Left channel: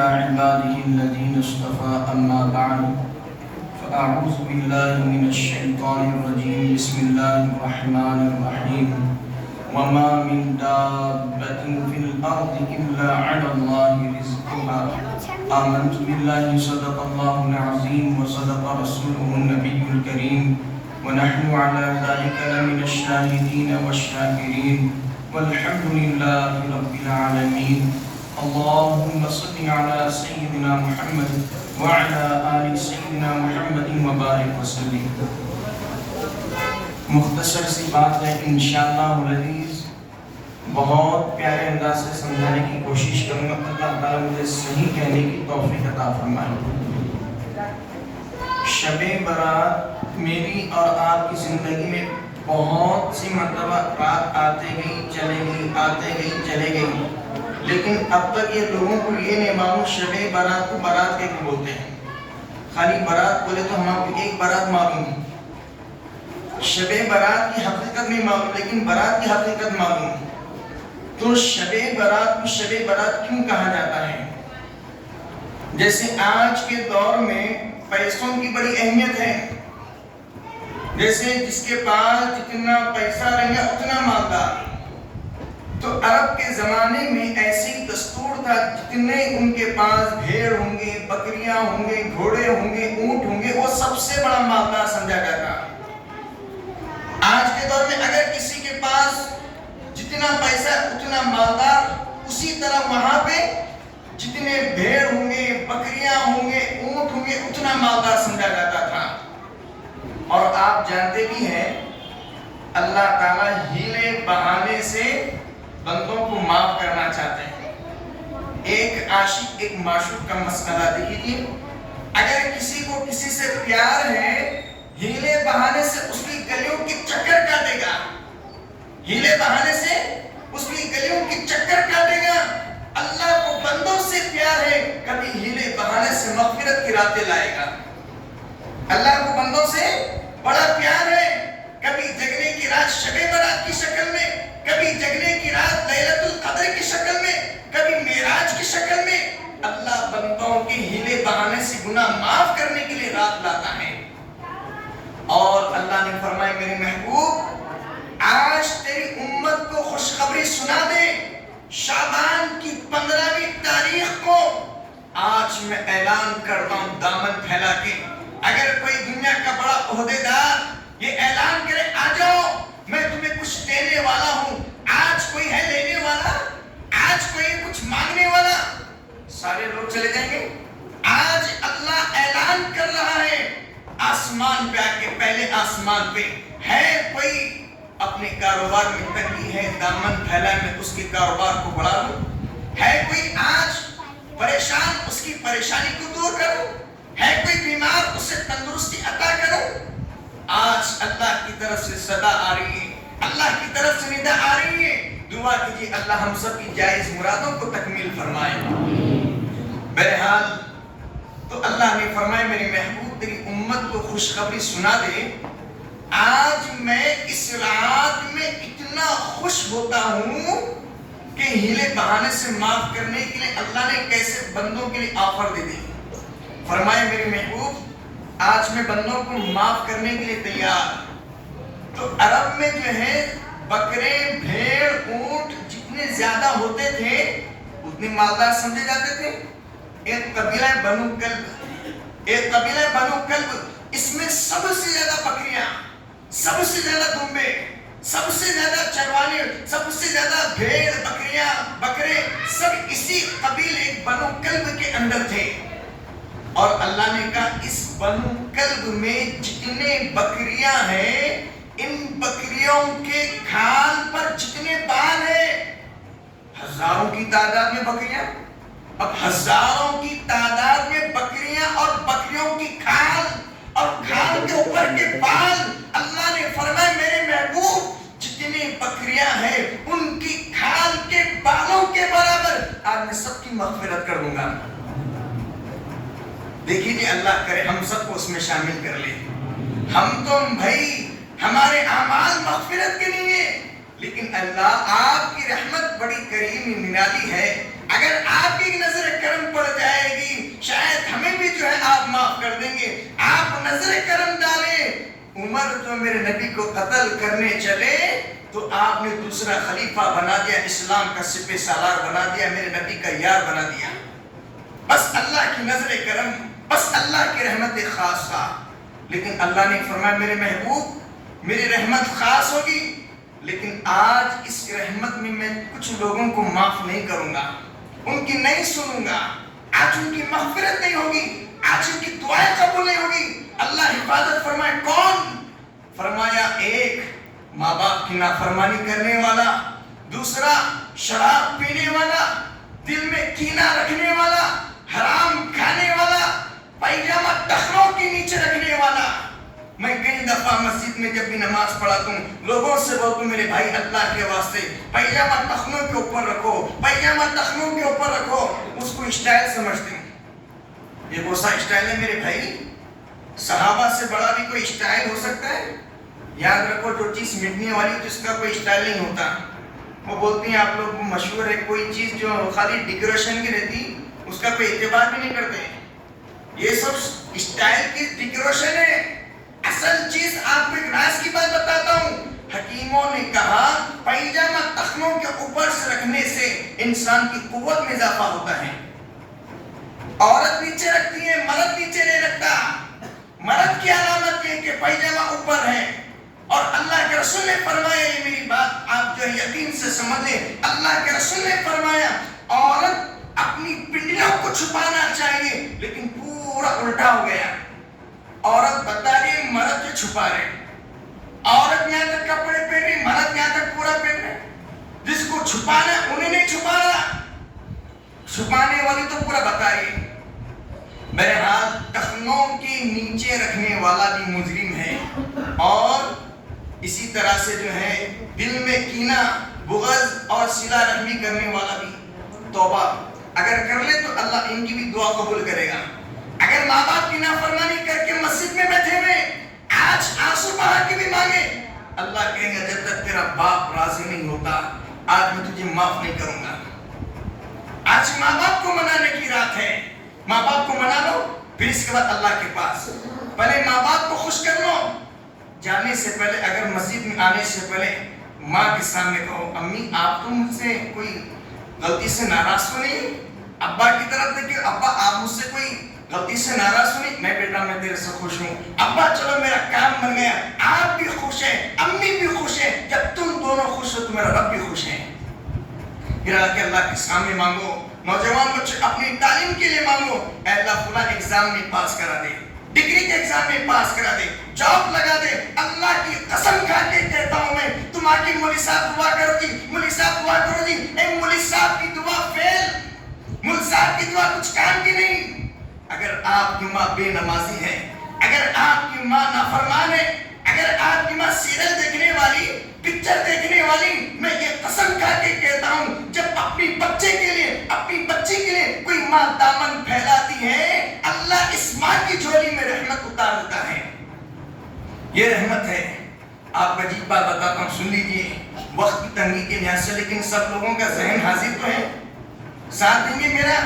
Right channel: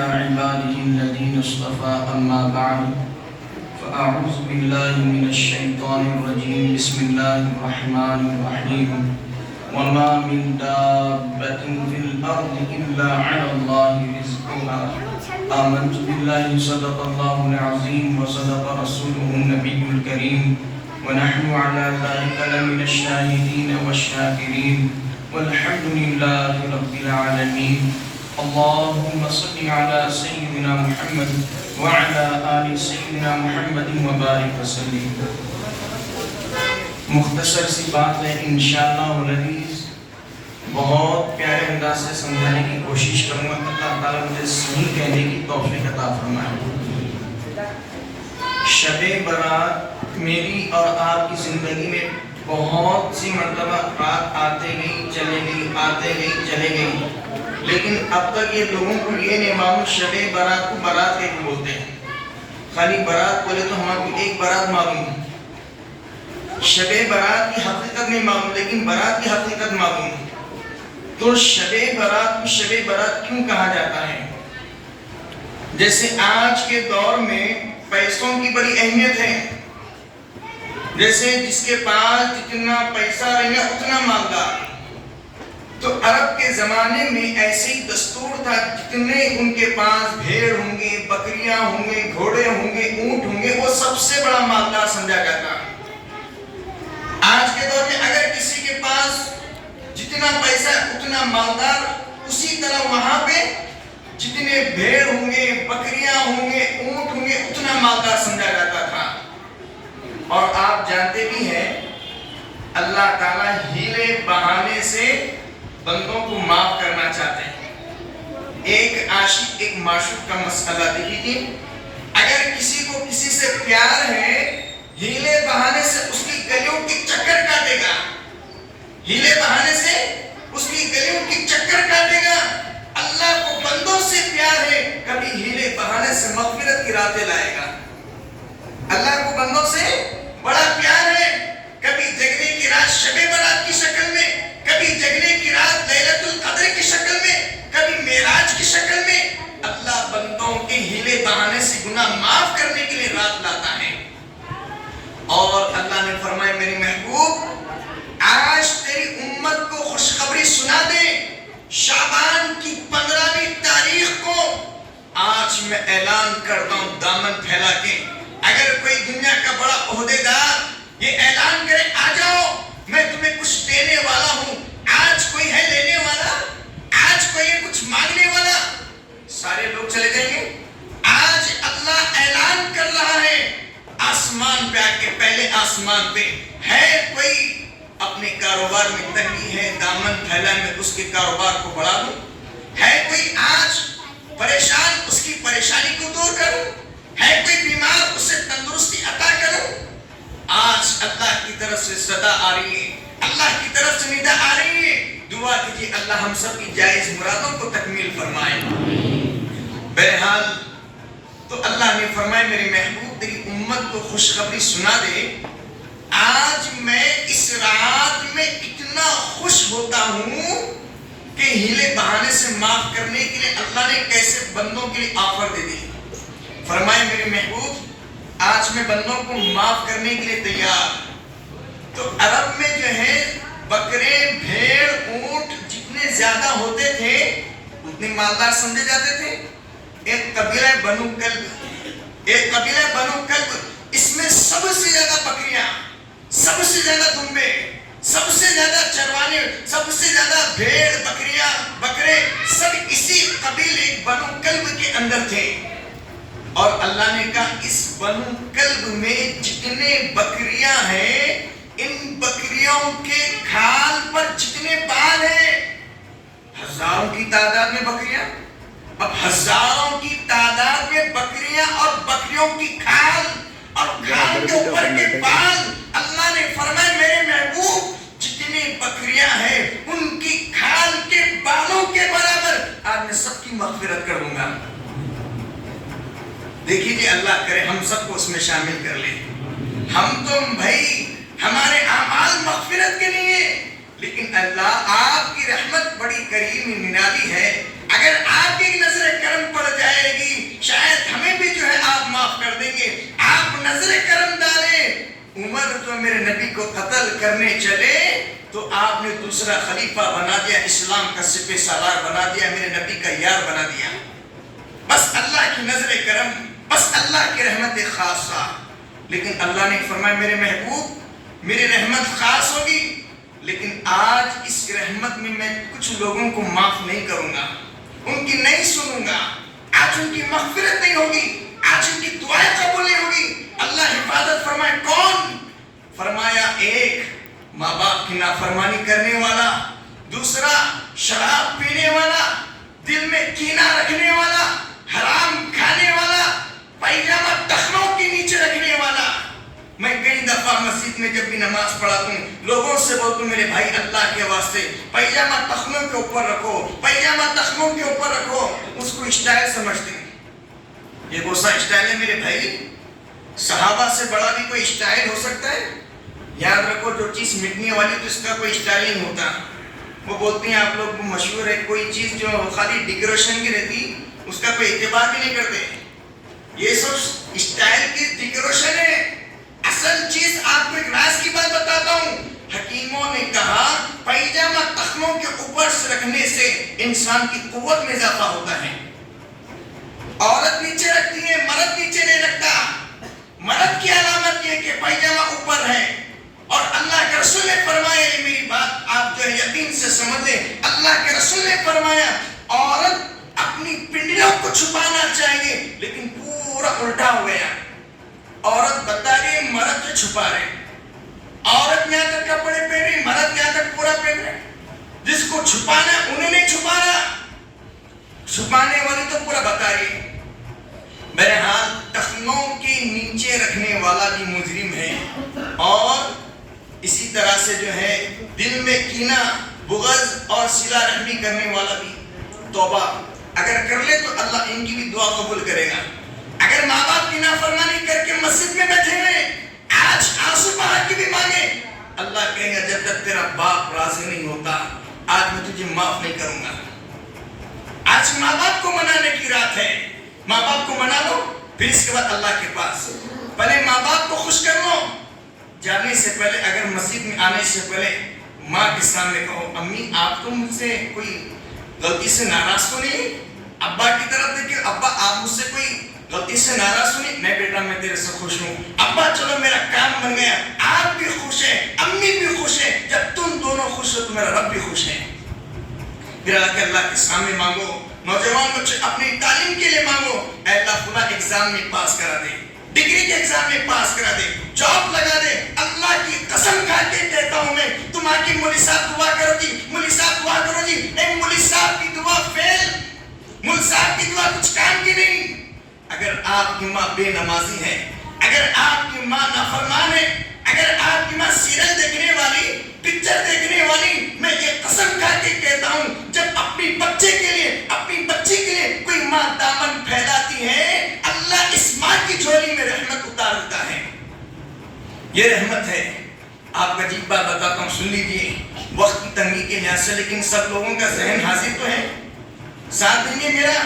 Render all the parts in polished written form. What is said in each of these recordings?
على عباده الذين اصطفى أما بعد فأعوذ بالله من الشيطان الرجيم بسم الله الرحمن الرحيم وما من دابة في الأرض إلا على الله رزقها آمنت بالله صدق الله العظيم وصدق رسوله النبي الكريم ونحن على ذلك لمن الشاهدين والشاكرين والحمد لله رب العالمين اللهم صل على سيدنا محمد وعلى آل سيدنا محمد وبارك وسلم. مختصر سی بات ہے انشاءاللہ والعزیز، بہت پیارے انداز سے سمجھانے کی کوشش کروں گا. اللہ تعالیٰ مجھے صحیح کہنے کی توفیق عطا فرمائے. شب برات میری اور آپ کی زندگی میں بہت سی مرتبہ رات آتے گئی چلے گئی آتے گئی چلے گئی، لیکن اب تک یہ لوگوں کو یہ نہیں معلوم شب برات کو برات کے کیوں بولتے ہیں. خالی برات بولے تو ہمارے کو ایک برات معلوم ہے، شب برات کی حقیقت نہیں معلوم، لیکن برات کی حقیقت معلوم ہے. تو شب برات کو شب برات کیوں کہا جاتا ہے؟ جیسے آج کے دور میں پیسوں کی بڑی اہمیت ہے، جیسے جس کے پاس جتنا پیسہ رہے گا اتنا مالدار. تو عرب کے زمانے میں ایسے ہی دستور تھا، جتنے ان کے پاس بھیڑ ہوں گے، بکریاں ہوں گے، گھوڑے ہوں گے، اونٹ ہوں گے، وہ سب سے بڑا مالدار سمجھا جاتا. آج کے دور میں اگر کسی کے پاس جتنا پیسہ اتنا مالدار، اسی طرح وہاں پہ جتنے بھیڑ ہوں گے، بکریاں ہوں گے، اونٹ ہوں گے، اتنا مالدار سمجھا جاتا تھا. اور آپ جانتے بھی ہیں اللہ تعالیٰ ہیلے بہانے سے بندوں کو معاف کرنا چاہتے ہیں. ایک عاشق ایک معشوق کا مسئلہ دیکھیے، اگر کسی کو کسی سے پیار ہے، ہیلے بہانے سے اس کی گلیوں کی چکر کاٹے گا، ہیلے بہانے سے اس کی گلیوں کی چکر کاٹے گا. اللہ کو بندوں سے پیار ہے، کبھی ہیلے بہانے سے مغفرت کی راتیں لائے گا. اللہ کو بندوں سے بڑا پیار ہے، کبھی جگنے کی رات شب برات کی شکل میں، کبھی جگنے کی رات لیلۃ القدر کی شکل میں، کبھی معراج کی شکل میں. اللہ بندوں کے ہیلے بہانے سے گناہ معاف کرنے کے لیے رات لاتا ہے. اور اللہ نے فرمایا میری محبوب آج تیری امت کو خوشخبری سنا دے، شعبان کی 15ویں تاریخ کو آج میں اعلان کرتا ہوں دامن پھیلا کے، اگر کوئی دنیا کا بڑا عہدیدار یہ اعلان کرے آ جاؤ میں تمہیں کچھ دینے والا ہوں، آج کوئی ہے لینے والا، آج کوئی ہے کچھ مانگنے والا، سارے لوگ چلے جائیں گے. آج اللہ اعلان کر رہا ہے آسمان پہ آ کے، پہلے آسمان پہ ہے کوئی اپنے کاروبار میں تنگی ہے، دامن پھیلا میں اس کے کاروبار کو بڑھا دوں، ہے کوئی آج پریشان اس کی پریشانی کو دور کروں، ہے کوئی بیمار اسے تندرستی عطا کروں. آج اللہ کی طرف سے صدا آ رہی ہے، اللہ کی طرف سے ندا آ رہی ہے. دعا کیجیے اللہ ہم سب کی جائز مرادوں کو تکمیل فرمائے. بہرحال تو اللہ نے فرمایا میرے محبوب تیری امت کو خوشخبری سنا دے، آج میں اس رات میں اتنا خوش ہوتا ہوں کہ ہیلے بہانے سے معاف کرنے کے لیے اللہ نے کیسے بندوں کے لیے آفر دے دی. فرمائے میرے محبوب آج میں بندوں کو معاف کرنے کے لیے تیار. تو عرب میں جو ہے بکرے بھیڑ اونٹ جتنے زیادہ ہوتے تھے اتنے مالدار سمجھے جاتے تھے. ایک قبیلہ بنو کلب، اس میں سب سے زیادہ بکریاں، سب سے زیادہ دمبے، سب سے زیادہ چروانے، سب سے زیادہ بھیڑ بکریاں بکرے سب اسی قبیلے بنو کلب کے اندر تھے. اور اللہ نے کہا اس بنو کلب میں جتنے بکریاں ہیں، ان بکریوں کے کھال پر جتنے بال ہیں، ہزاروں کی تعداد میں بکریاں، اب ہزاروں کی تعداد میں بکریاں اور بکریوں کی کھال اور کھال کے اوپر کے بال. اللہ نے فرمایا میرے محبوب جتنی بکریاں ہیں ان کی کھال کے بالوں کے برابر آج میں سب کی مغفرت کر دوں گا. دیکھیے جی اللہ کرے ہم سب کو اس میں شامل کر لے. ہم تو بھائی ہمارے اعمال مغفرت کے لیے، لیکن اللہ آپ کی رحمت بڑی کریمی نرالی ہے. اگر آپ کی نظر کرم پڑ جائے جو میرے نبی کو قتل کرنے چلے تو آپ نے دوسرا خلیفہ بنا دیا، اسلام کا سپہ سالار بنا دیا، میرے نبی کا یار بنا دیا۔ بس اللہ کی نظر کرم، بس اللہ کی رحمت خاصہ۔ لیکن اللہ نے فرمایا میرے محبوب میری رحمت خاص ہوگی، لیکن آج اس رحمت میں میں کچھ لوگوں کو معاف نہیں کروں گا، ان کی نہیں سنوں گا، آج ان کی مغفرت نہیں ہوگی، آج ان کی دعائیں قبول نہیں ہوگی۔ اللہ حفاظت فرمائے کون؟ فرمایا ایک ماں باپ کی نافرمانی کرنے والا، دوسرا شراب پینے والا، دل میں کینہ رکھنے والا، حرام کھانے والا، پائجامہ ٹخنوں کے نیچے رکھنے والا۔ میں کئی دفعہ مسجد میں جب بھی نماز پڑھاتا ہوں لوگوں سے بولتا ہوں میرے بھائی اللہ کے واسطے پائجامہ ٹخنوں کے اوپر رکھو، پائجامہ ٹخنوں کے اوپر رکھو۔ اس کو اسٹائل سمجھتے ہیں، یہ کون سا اسٹائل ہے میرے بھائی؟ صحابہ سے بڑا بھی کوئی اسٹائل ہو سکتا ہے؟ یاد رکھو جو چیز مٹنے والی تو اس کا کوئی اسٹائل نہیں ہوتا۔ وہ بولتے ہیں آپ لوگ کو مشہور ہے کوئی چیز جو خالی ڈیکوریشن کی رہتی اس کا کوئی اعتبار بھی نہیں کرتے، یہ سب اسٹائل کی ڈیکوریشن ہے۔ اصل چیز آپ کو ایک راز کی بات بتاتا ہوں، حکیموں نے کہا پائجامہ ٹخنوں کے اوپر سے رکھنے سے انسان کی قوت میں اضافہ ہوتا ہے۔ عورت نیچے رکھتی ہے، مرد نیچے نہیں رکھتا۔ مرد کی علامت یہ کہ پائجامہ اوپر ہے، اور اللہ کے رسول نے فرمایا، میری بات آپ جو یقین سے سمجھ لیں، اللہ کے رسول نے فرمایا عورت اپنی پنڈلیوں کو چھپانا چاہیے، لیکن پورا الٹا ہو گیا۔ عورت بتا رہی مرد جو چھپا رہے، عورت یہاں تک کپڑے پہن رہی، مرد یہاں تک پورا پہن رہے۔ جس کو چھپانا انہیں نہیں چھپانا، چھپانے والی تو پورا بتا رہی ہے۔ بہرحال ٹخنوں کے نیچے رکھنے والا بھی مجرم ہے، اور اسی طرح سے جو ہے دل میں کینہ بغض اور صلہ رحمی کرنے والا بھی توبہ اگر کر لے تو اللہ ان کی بھی دعا قبول کرے گا۔ اگر ماں باپ کی نافرمانی کر کے مسجد میں بیٹھے ہوئے آج آنسو بہا کے بھی مانگے، اللہ کہے گا جب تک تیرا باپ راضی نہیں ہوتا آج میں تجھے معاف نہیں کروں گا۔ آج ماں باپ کو منانے کی رات ہے، ماں باپ کو منا لو، پھر اس کے بعد اللہ کے پاس پہلے ماں باپ کو خوش کر لو۔ جانے سے پہلے اگر مسجد میں آنے سے پہلے ماں کے سامنے کہو امی آپ تو مجھ سے کوئی غلطی سے ناراض تو نہیں؟ ابا کی طرف دیکھیں ابا آپ مجھ سے کوئی غلطی سے ناراض تو نہیں؟ نہیں بیٹا میں تیرے سے خوش ہوں، ابا چلو میرا کام بن گیا، آپ بھی خوش ہیں امی بھی خوش ہیں، جب تم دونوں خوش ہو تو میرا رب بھی خوش ہے۔ پھر آ کے اللہ کے سامنے مانگو، نوجوان بچے اپنی تعلیم کے لیے مانگو، اے اللہ فلاں ایگزام میں پاس کرا دے، ڈگری کے ایگزام میں پاس کرا دے، جاب لگا دے۔ اللہ کی قسم کھا کے کہتا ہوں میں، تم آ کے مولوی صاحب دعا کرو جی، مولوی صاحب دعا کرو جی، اے مولوی صاحب کی دعا فیل، مولوی صاحب کی دعا کچھ کام کی نہیں۔ اگر آپ کی ماں بے نمازی ہے، اگر آپ کی ماں نافرمان ہے، اگر آپ کی ماں سیریل دیکھنے والی، پکچر دیکھنے والی، میں یہ قسم کھا کے کہتا ہوں جب اپنی بچے کے لیے اپنی بچی کے لیے کوئی ماں دامن پھیلاتی ہے اللہ اس ماں کی جھولی میں رحمت اتار دیتا ہے۔ یہ رحمت ہے۔ آپ کو عجیب بات بتاتا ہوں، سن لیجیے وقت کی تنگی کے لحاظ سے، لیکن سب لوگوں کا ذہن حاضر تو ہے، ساتھ دیں گے میرا؟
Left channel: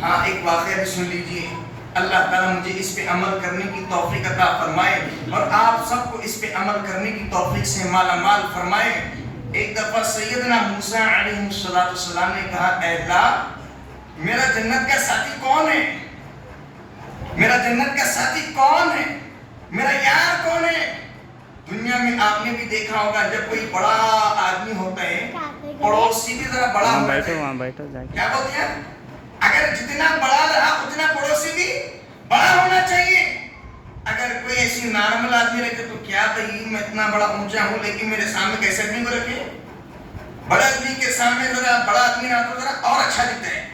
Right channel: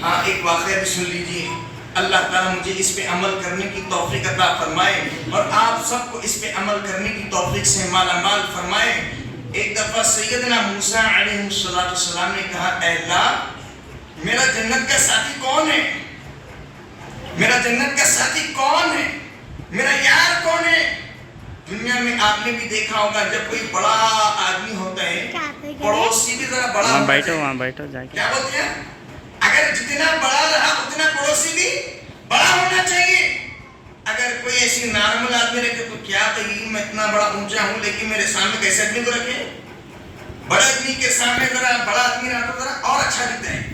ہاں ایک واقعہ بھی سن لیجیے، اللہ تعالیٰ مجھے اس پہ عمل کرنے کی توفیق عطا فرمائے اور آپ سب کو اس پہ عمل کرنے کی توفیق سے مالا مال فرمائے۔ ایک دفعہ سیدنا موسیٰ علیہ السلام نے کہا اے اللہ میرا جنت کا ساتھی کون ہے؟ میرا جنت کا ساتھی کون ہے؟ میرا یار کون ہے؟ دنیا میں آپ نے بھی دیکھا ہوگا جب کوئی بڑا آدمی ہوتا ہے پڑوسی بھی ذرا بڑا ہوتا ہے، وہاں بیٹھو جا کے کیا بولتے ہیں؟ اگر جتنا بڑا رہا اتنا پڑوسی بھی بڑا ہونا چاہیے۔ اگر کوئی ایسی نارمل آدمی رکھے تو کیا بھائی میں اتنا بڑا اونچا ہوں لیکن میرے سامنے کیسے آدمی کو رکھے؟ بڑے آدمی کے سامنے ذرا بڑا آدمی رہا تو ذرا اور اچھا دکھتا ہے۔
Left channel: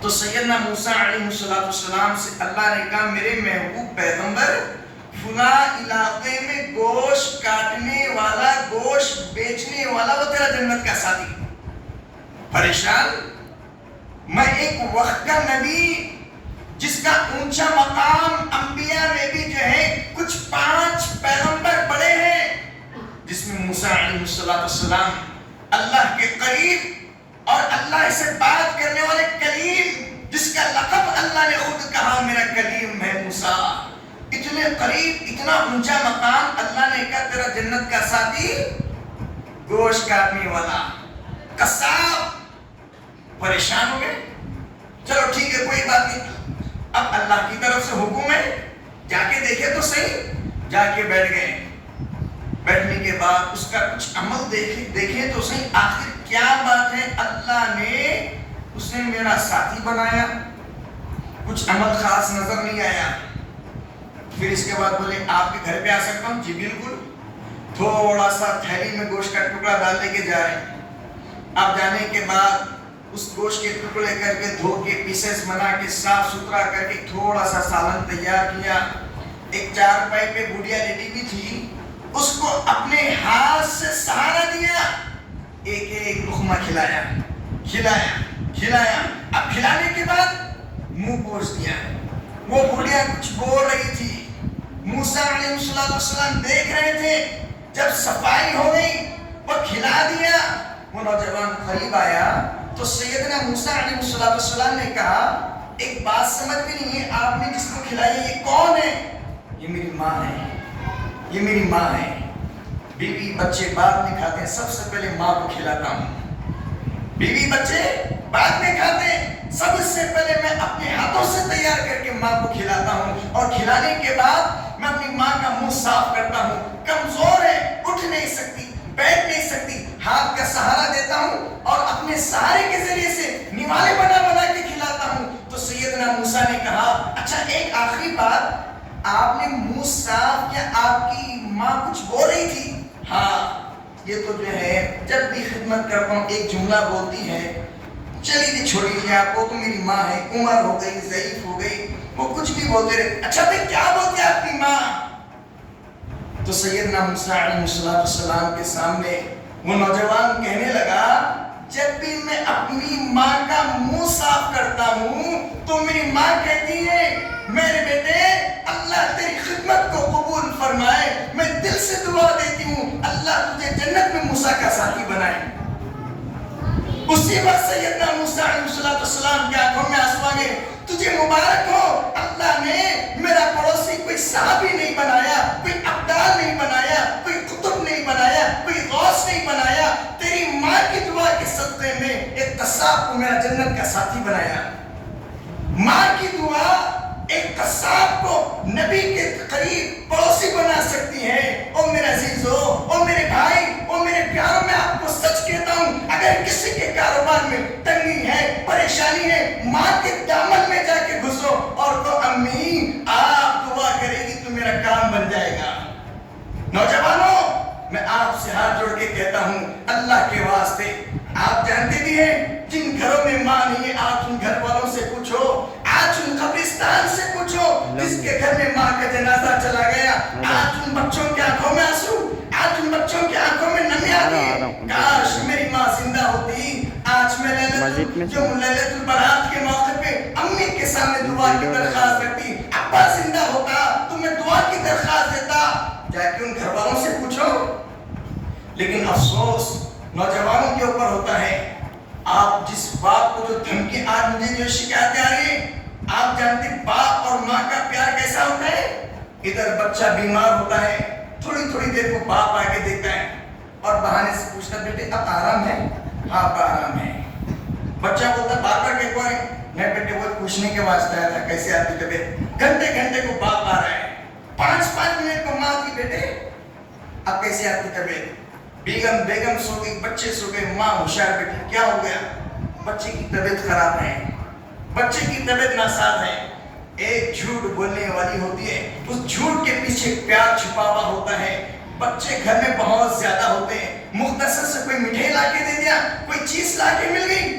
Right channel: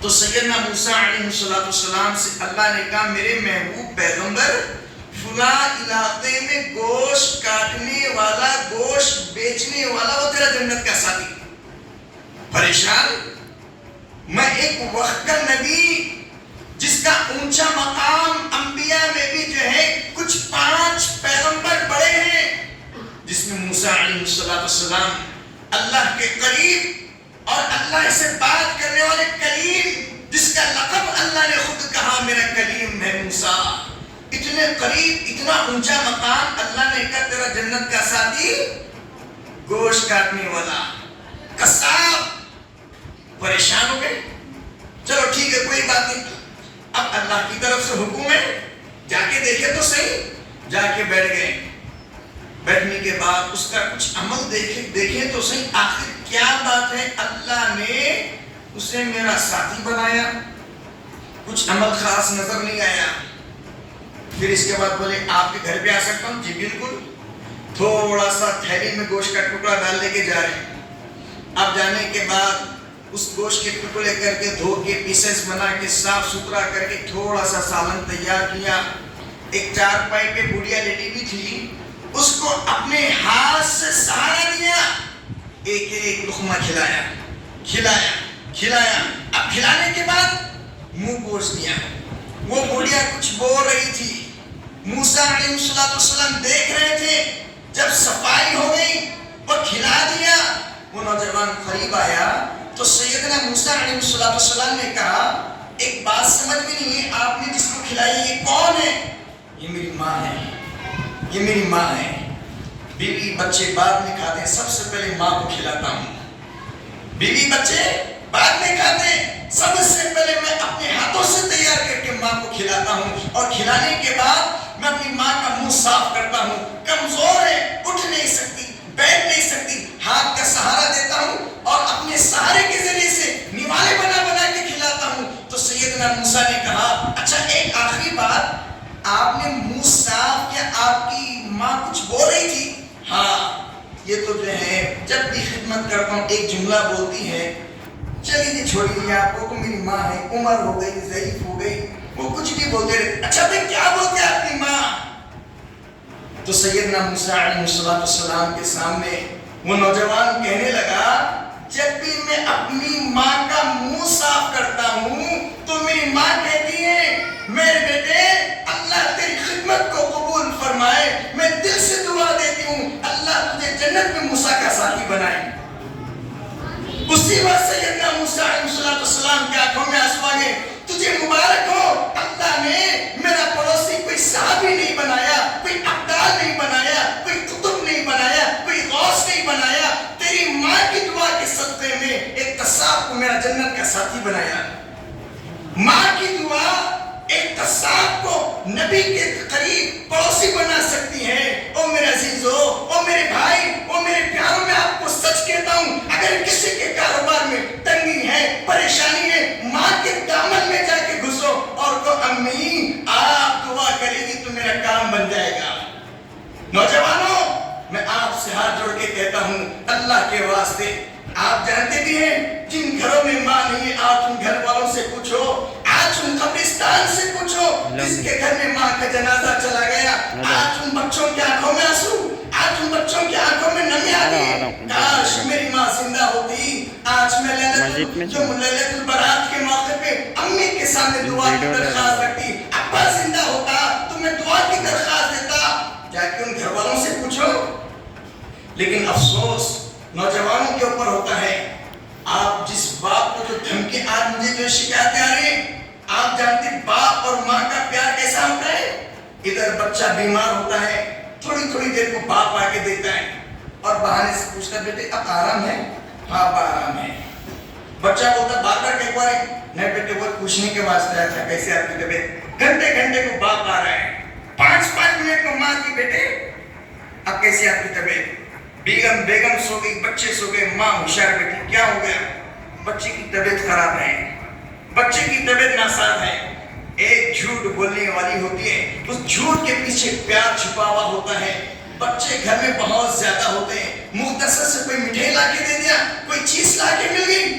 تو سیدنا موسیٰ علیہ السلام سے اللہ نے کہا میرے محبوب پیغمبر فلاں علاقے میں گوشت کاٹنے والا گوشت بیچنے والا وہ تیرا جنت کا ساتھی۔ پریشان، میں ایک وقت کا نبی جس کا اونچا مقام انبیاء میں بھی جو ہے کچھ 5 پیغمبر بڑے ہیں، جس میں موسیٰ علیہ السلام اللہ کے قریب اور اللہ سے بات کرنے والے کلیم، جس کا لقب اللہ نے خود کہا میرا کلیم ہے موسیٰ، اتنے اتنے قریب، اتنا اونچا مقام، اللہ نے کہا تیرا جنت کا ساتھی گوشت کاٹنے والا قصاب۔ پریشان ہو گئے، چلو ٹھیک ہے کوئی بات نہیں، اب اللہ کی طرف سے حکم ہے جا کے دیکھے تو صحیح۔ جا کے بیٹھ گئے، بیٹھنے کے بعد اس کا کچھ عمل دیکھے تو صحیح، آخر کیا بات ہے، اللہ نے اسے میرا ساتھی بنایا، کچھ عمل خاص نظر نہیں آیا۔ پھر اس کے بعد بولے آپ کے گھر پہ آ سکتا ہوں؟ جی بالکل۔ تھوڑا سا تھیلی میں گوشت کا ٹکڑا ڈال لے کے جا رہے ہیں۔ اب جانے کے بعد اس گوشت کے ٹکڑے کر کے دھو کے پیسز بنا کے صاف ستھرا کر کے تھوڑا سا سالن تیار کیا، ایک چارپائی پہ بڑھیا لیڈی بھی تھی، اس کو اپنے ہاتھ سے سہارا دیا، ایک ایک لقمہ کھلایا کھلایا کھلایا۔ اب کھلانے کے بعد منہ پوچھ دیا۔ وہ بڑھیا کچھ بول رہی تھی، موسیٰ علیہ السلام دیکھ رہے تھے۔ جب صفائی ہو گئی اور کھلا دیا، وہ نوجوان قریب آیا تو سیدنا موسیٰ علیہ السلام نے کہا ایک بات سمجھ میں نہیں ہے، آپ نے جس کو کھلائی یہ کون ہے؟ یہ میری ماں ہے، یہ میری ماں ہے۔ بیوی بچے بعد میں کھاتے ہیں، سب سے پہلے ماں کو کھلاتا ہوں۔ بیوی بچے بعد میں کھاتے ہیں، سب سے پہلے میں اپنے ہاتھوں سے تیار کر کے ماں کو کھلاتا ہوں، اور کھلانے کے بعد میں اپنی ماں کا منہ صاف کرتا ہوں۔ کمزور ہے، اٹھ نہیں سکتی، بیٹھ نہیں سکتی، ہاتھ کا سہارا دیتا ہوں اور اپنے سہارے کے ذریعے سے نوالے بنا بنا کے کھلاتا ہوں۔ تو سیدنا موسیٰ نے کہا اچھا ایک آخری بات، آپ نے منہ صاف کیا، آپ کی ماں کچھ بول رہی تھی؟ ہاں، یہ تو جو ہے جب بھی خدمت کرتا ہوں ایک جملہ بولتی ہے، چلیے چھوڑیے، آپ کو میری ماں ہے، عمر ہو گئی، ضعیف ہو گئی، وہ کچھ بھی بولتے رہتے۔ اچھا بھائی کیا بولتے ہیں آپ کی ماں؟ تو سیدنا موسیٰ علیہ السلام کے سامنے وہ نوجوان کہنے لگا جب بھی میں اپنی ماں کا منہ صاف کرتا ہوں تو میری ماں کہتی ہے میرے بیٹے اللہ تیری خدمت کو قبول فرمائے، میں دل سے دعا دیتی ہوں اللہ تجھے جنت میں موسیٰ کا ساتھی بنائے۔ اسی وقت سیدنا موسیٰ علیہ السلام کے آنکھوں میں آنسو آ گئے، تجھے مبارک ہو، اللہ نے میرا پڑوسی کوئی صحابی نہیں بنایا، کوئی ابدال نہیں بنایا، کوئی قطب نہیں بنایا، کوئی غوث نہیں بنایا، تیری ماں کی دعا کے صدقے میں ایک قصاب کو میرا جنت کا ساتھی بنایا۔ ماں کی دعا ایک قصاب کو نبی کے قریب پڑوسی بنا سکتی ہے۔ او میرے عزیزو، او میرے بھائی، او میرے پیاروں، میں آپ کو سچ کہتا ہوں اگر کسی کے کاروبار میں تنگی ہے، پریشانی ہے، ماں کے دامن میں جا کے گھسو اور کہو امی آپ دعا کرے گی تو میرا کام بن جائے گا۔ نوجوانوں میں آپ سے ہاتھ جوڑ کے کہتا ہوں اللہ کے واسطے، آپ جانتے بھی ہیں جن گھروں میں ماں نہیں ہے آج ان گھر والوں سے پوچھو، آج ان قبرستان سے پوچھو جس کے گھر میں ماں کا جنازہ چلا گیا، آج ان بچوں کے آنکھوں میں آنسو، آج ان بچوں کے آنکھوں میں نمی آ گئی، کاش میری ماں زندہ ہوتی، آج میں لیلۃ البرات کے موقع پہ امی کے سامنے دعا کی درخواست رکھتی، ابا زندہ ہوتا تو میں دعا کی درخواست دیتا، جا کے ان گھر والوں سے پوچھو۔ لیکن افسوس نوجوانوں کے اوپر ہوتا ہے، آپ جس باپ کو جو دھمکی، آج مجھے جو شکایتیں آ رہی ہیں، آپ جانتے باپ اور ماں کا پیار کیسا ہوتا ہے؟ ادھر بچہ بیمار ہوتا ہے، تھوڑی تھوڑی دیر کو باپ آ کے دیتا ہے اور بہانے سے پوچھتا ہے بیٹے اب آرام ہے؟ ہاں ابا آرام ہے۔ بچہ بولتا بار بار کہ نہیں بیٹے وہ پوچھنے کے واسطے آیا تھا کیسے آپ کی طبیعت، گھنٹے گھنٹے کو باپ آ رہا ہے، 5 منٹ کو ماں کی بیٹے اب کیسے آپ کی طبیعت، بیگم سو گئی، بچے سو گئے، ماں ہوشیار بیٹی کیا ہو گیا؟ بچے کی طبیعت خراب ہے، بچے کی طبیعت ناساز ہے۔ ایک جھوٹ بولنے والی ہوتی ہے، اس جھوٹ کے پیچھے پیار چھپا ہوا ہوتا ہے۔ بچے گھر میں بہت زیادہ ہوتے ہیں، مختصر سے کوئی مٹھائی لا کے دے دیا، کوئی چیز لا کے مل گئی،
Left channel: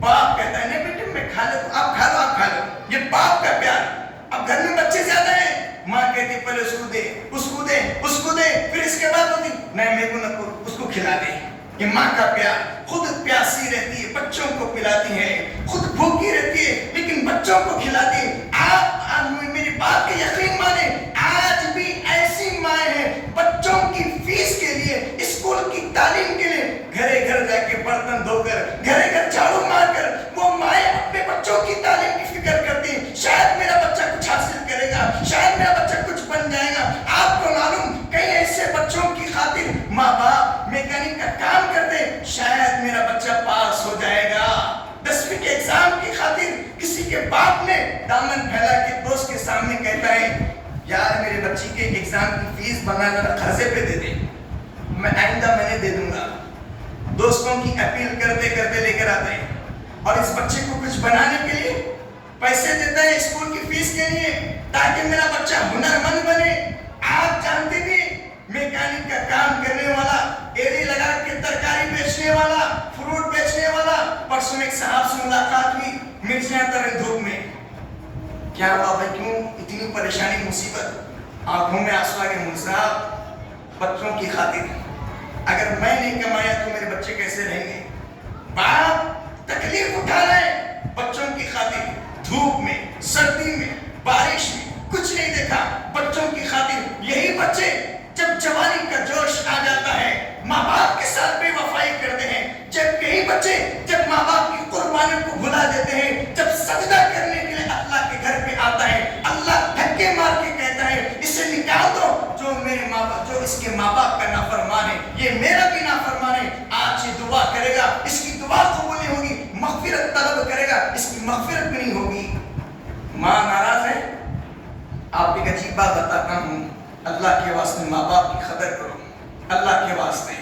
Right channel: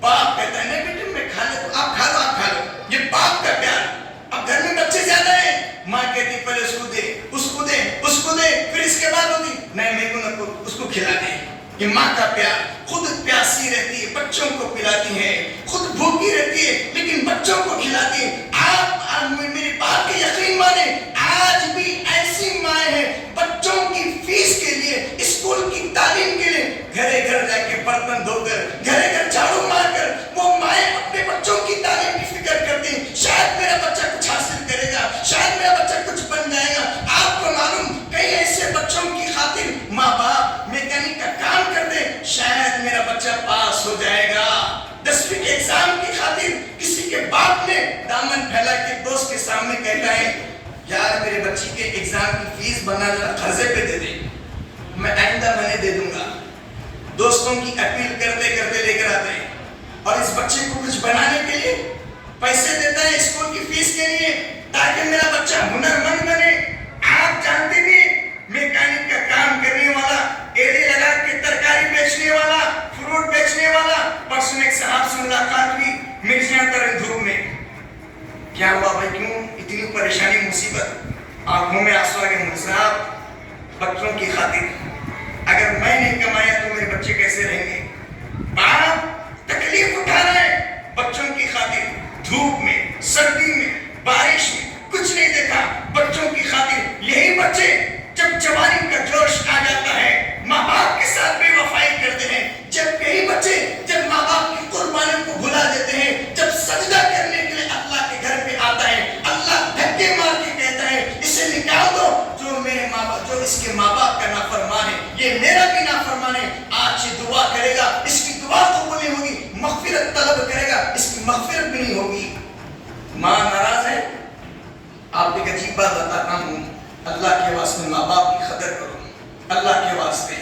باپ کہتا ہے نہیں بیٹے میں کھا لیتا ہوں، آپ کھا لو آپ کھا لو، یہ باپ کا پیار۔ اب گھر میں بچے زیادہ ہیں، ماں کہتی پہلے اس کو دے، اس کو دے، اس کو دے، پھر اس کے بعد ہوتی نہیں میرے کو نہ، اس کو کھلا دے۔ یہ ماں کا پیار، خود پیاسی رہتی ہے بچوں کو پلاتی ہے، خود بھوکی رہتی ہے لیکن بچوں کو کھلاتی ہے۔ آپ میری بات کے یقین مانیں، آج بھی ایسی مائیں ہیں بچوں کی فیس کے لیے، اسکول کی تعلیم کے لیے گھرے گھر جا کے برتن دھو کر، گھرے گھر جھاڑو مار کر وہ مائیں اپنے بچوں کی تعلیم کی فکر کرتی ہیں، شاید میرا بچہ کچھ حاصل کرے گا، شاید میرا بچہ کچھ بن کے باپ نے دامن پھیلا کے دوست کے سامنے کہتا ہے یار میرے بچی کے ایگزام کی فیس بنانا قرضے پہ دے دیں، میں آئندہ میں دے دوں گا. دوستوں کی اپیل کرتے کرتے لے کر آتے ہیں اور اس بچے کو کچھ بنانے کے لیے پیسے دیتا ہے اسکول کی فیس کے لیے تاکہ میرا بچہ ہنرمند بنے. آپ جانتے بھی میکینک کا کام کرنے والا، ایڑی لگا کے ترکاری بیچنے والا، فروٹ بیچنے والا، پرسوں ایک صاحب سے ملاقات ہوئی مرچیاں ترے دھوپ میں. کیا ہوا بھائی، کیوں اتنی پریشانی مصیبت؟ آنکھوں میں آنسو آ گئے. صاحب بچوں کی خاطر اگر میں نہیں کمایا تو میرے بچے کیسے رہیں گے؟ باپ تکلیف اٹھا رہا ہے بچوں کی خاطر، دھوپ میں، سردی میں، بارش میں، کچھ نہیں دیکھا بچوں کی خاطر. یہی بچے جب جوانی کا جوش آ جاتا ہے ماں باپ کے ساتھ بے وفائی کرتے ہیں. جب یہی بچے جب ماں باپ کی قربانی کو بھلا دیتے ہیں، جب سجدہ کرنے کے لیے اللہ کے گھر پہ آتا ہے، اللہ دھکے مار کے کہتا ہے اسے نکال دو، جو میرے ماں باپ، جو اس کے ماں باپ کا نافرمان ہے، یہ میرا بھی نافرمان ہے. آج یہ دعا کرے گا، اس کی دعا قبول نہیں ہوگی. مغفرت طلب کرے گا، اس کی مغفرت بھی نہیں ہوگی. ماں ناراض ہے. آپ ایک عجیب بات بتاتا ہوں، اللہ کے واسطے ماں باپ کی قدر کرو، اللہ کے واسطے.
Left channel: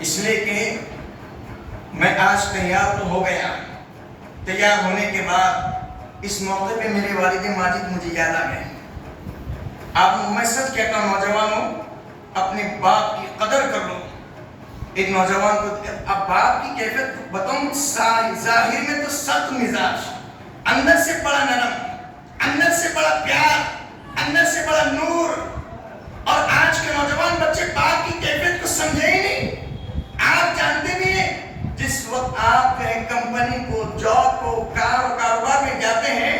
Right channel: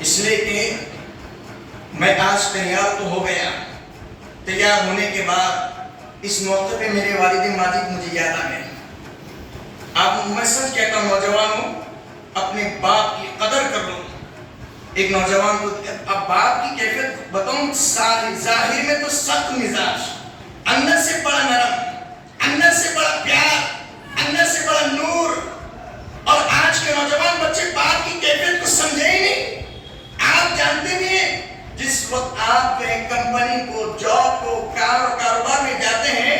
اس لیے کہ میں آج تیار تو ہو گیا. تیار ہونے کے بعد اس موقع پہ میرے والد ماجد مجھے یاد آ گئے. آپ میں سچ کہتا ہوں نوجوانوں، اپنے باپ کی قدر کر لو. ایک نوجوان کو اب باپ کی کیفیت بتاؤں، ظاہر میں تو سخت مزاج، اندر سے بڑا نرم، اندر سے بڑا پیار، اندر سے بڑا نور. اور آج کے نوجوان بچے باپ کی کیفیت کو سمجھے ہی نہیں. آپ جانتے بھی ہیں جس وقت آپ کہیں کمپنی کو، جاب کو، کاروبار میں جاتے ہیں،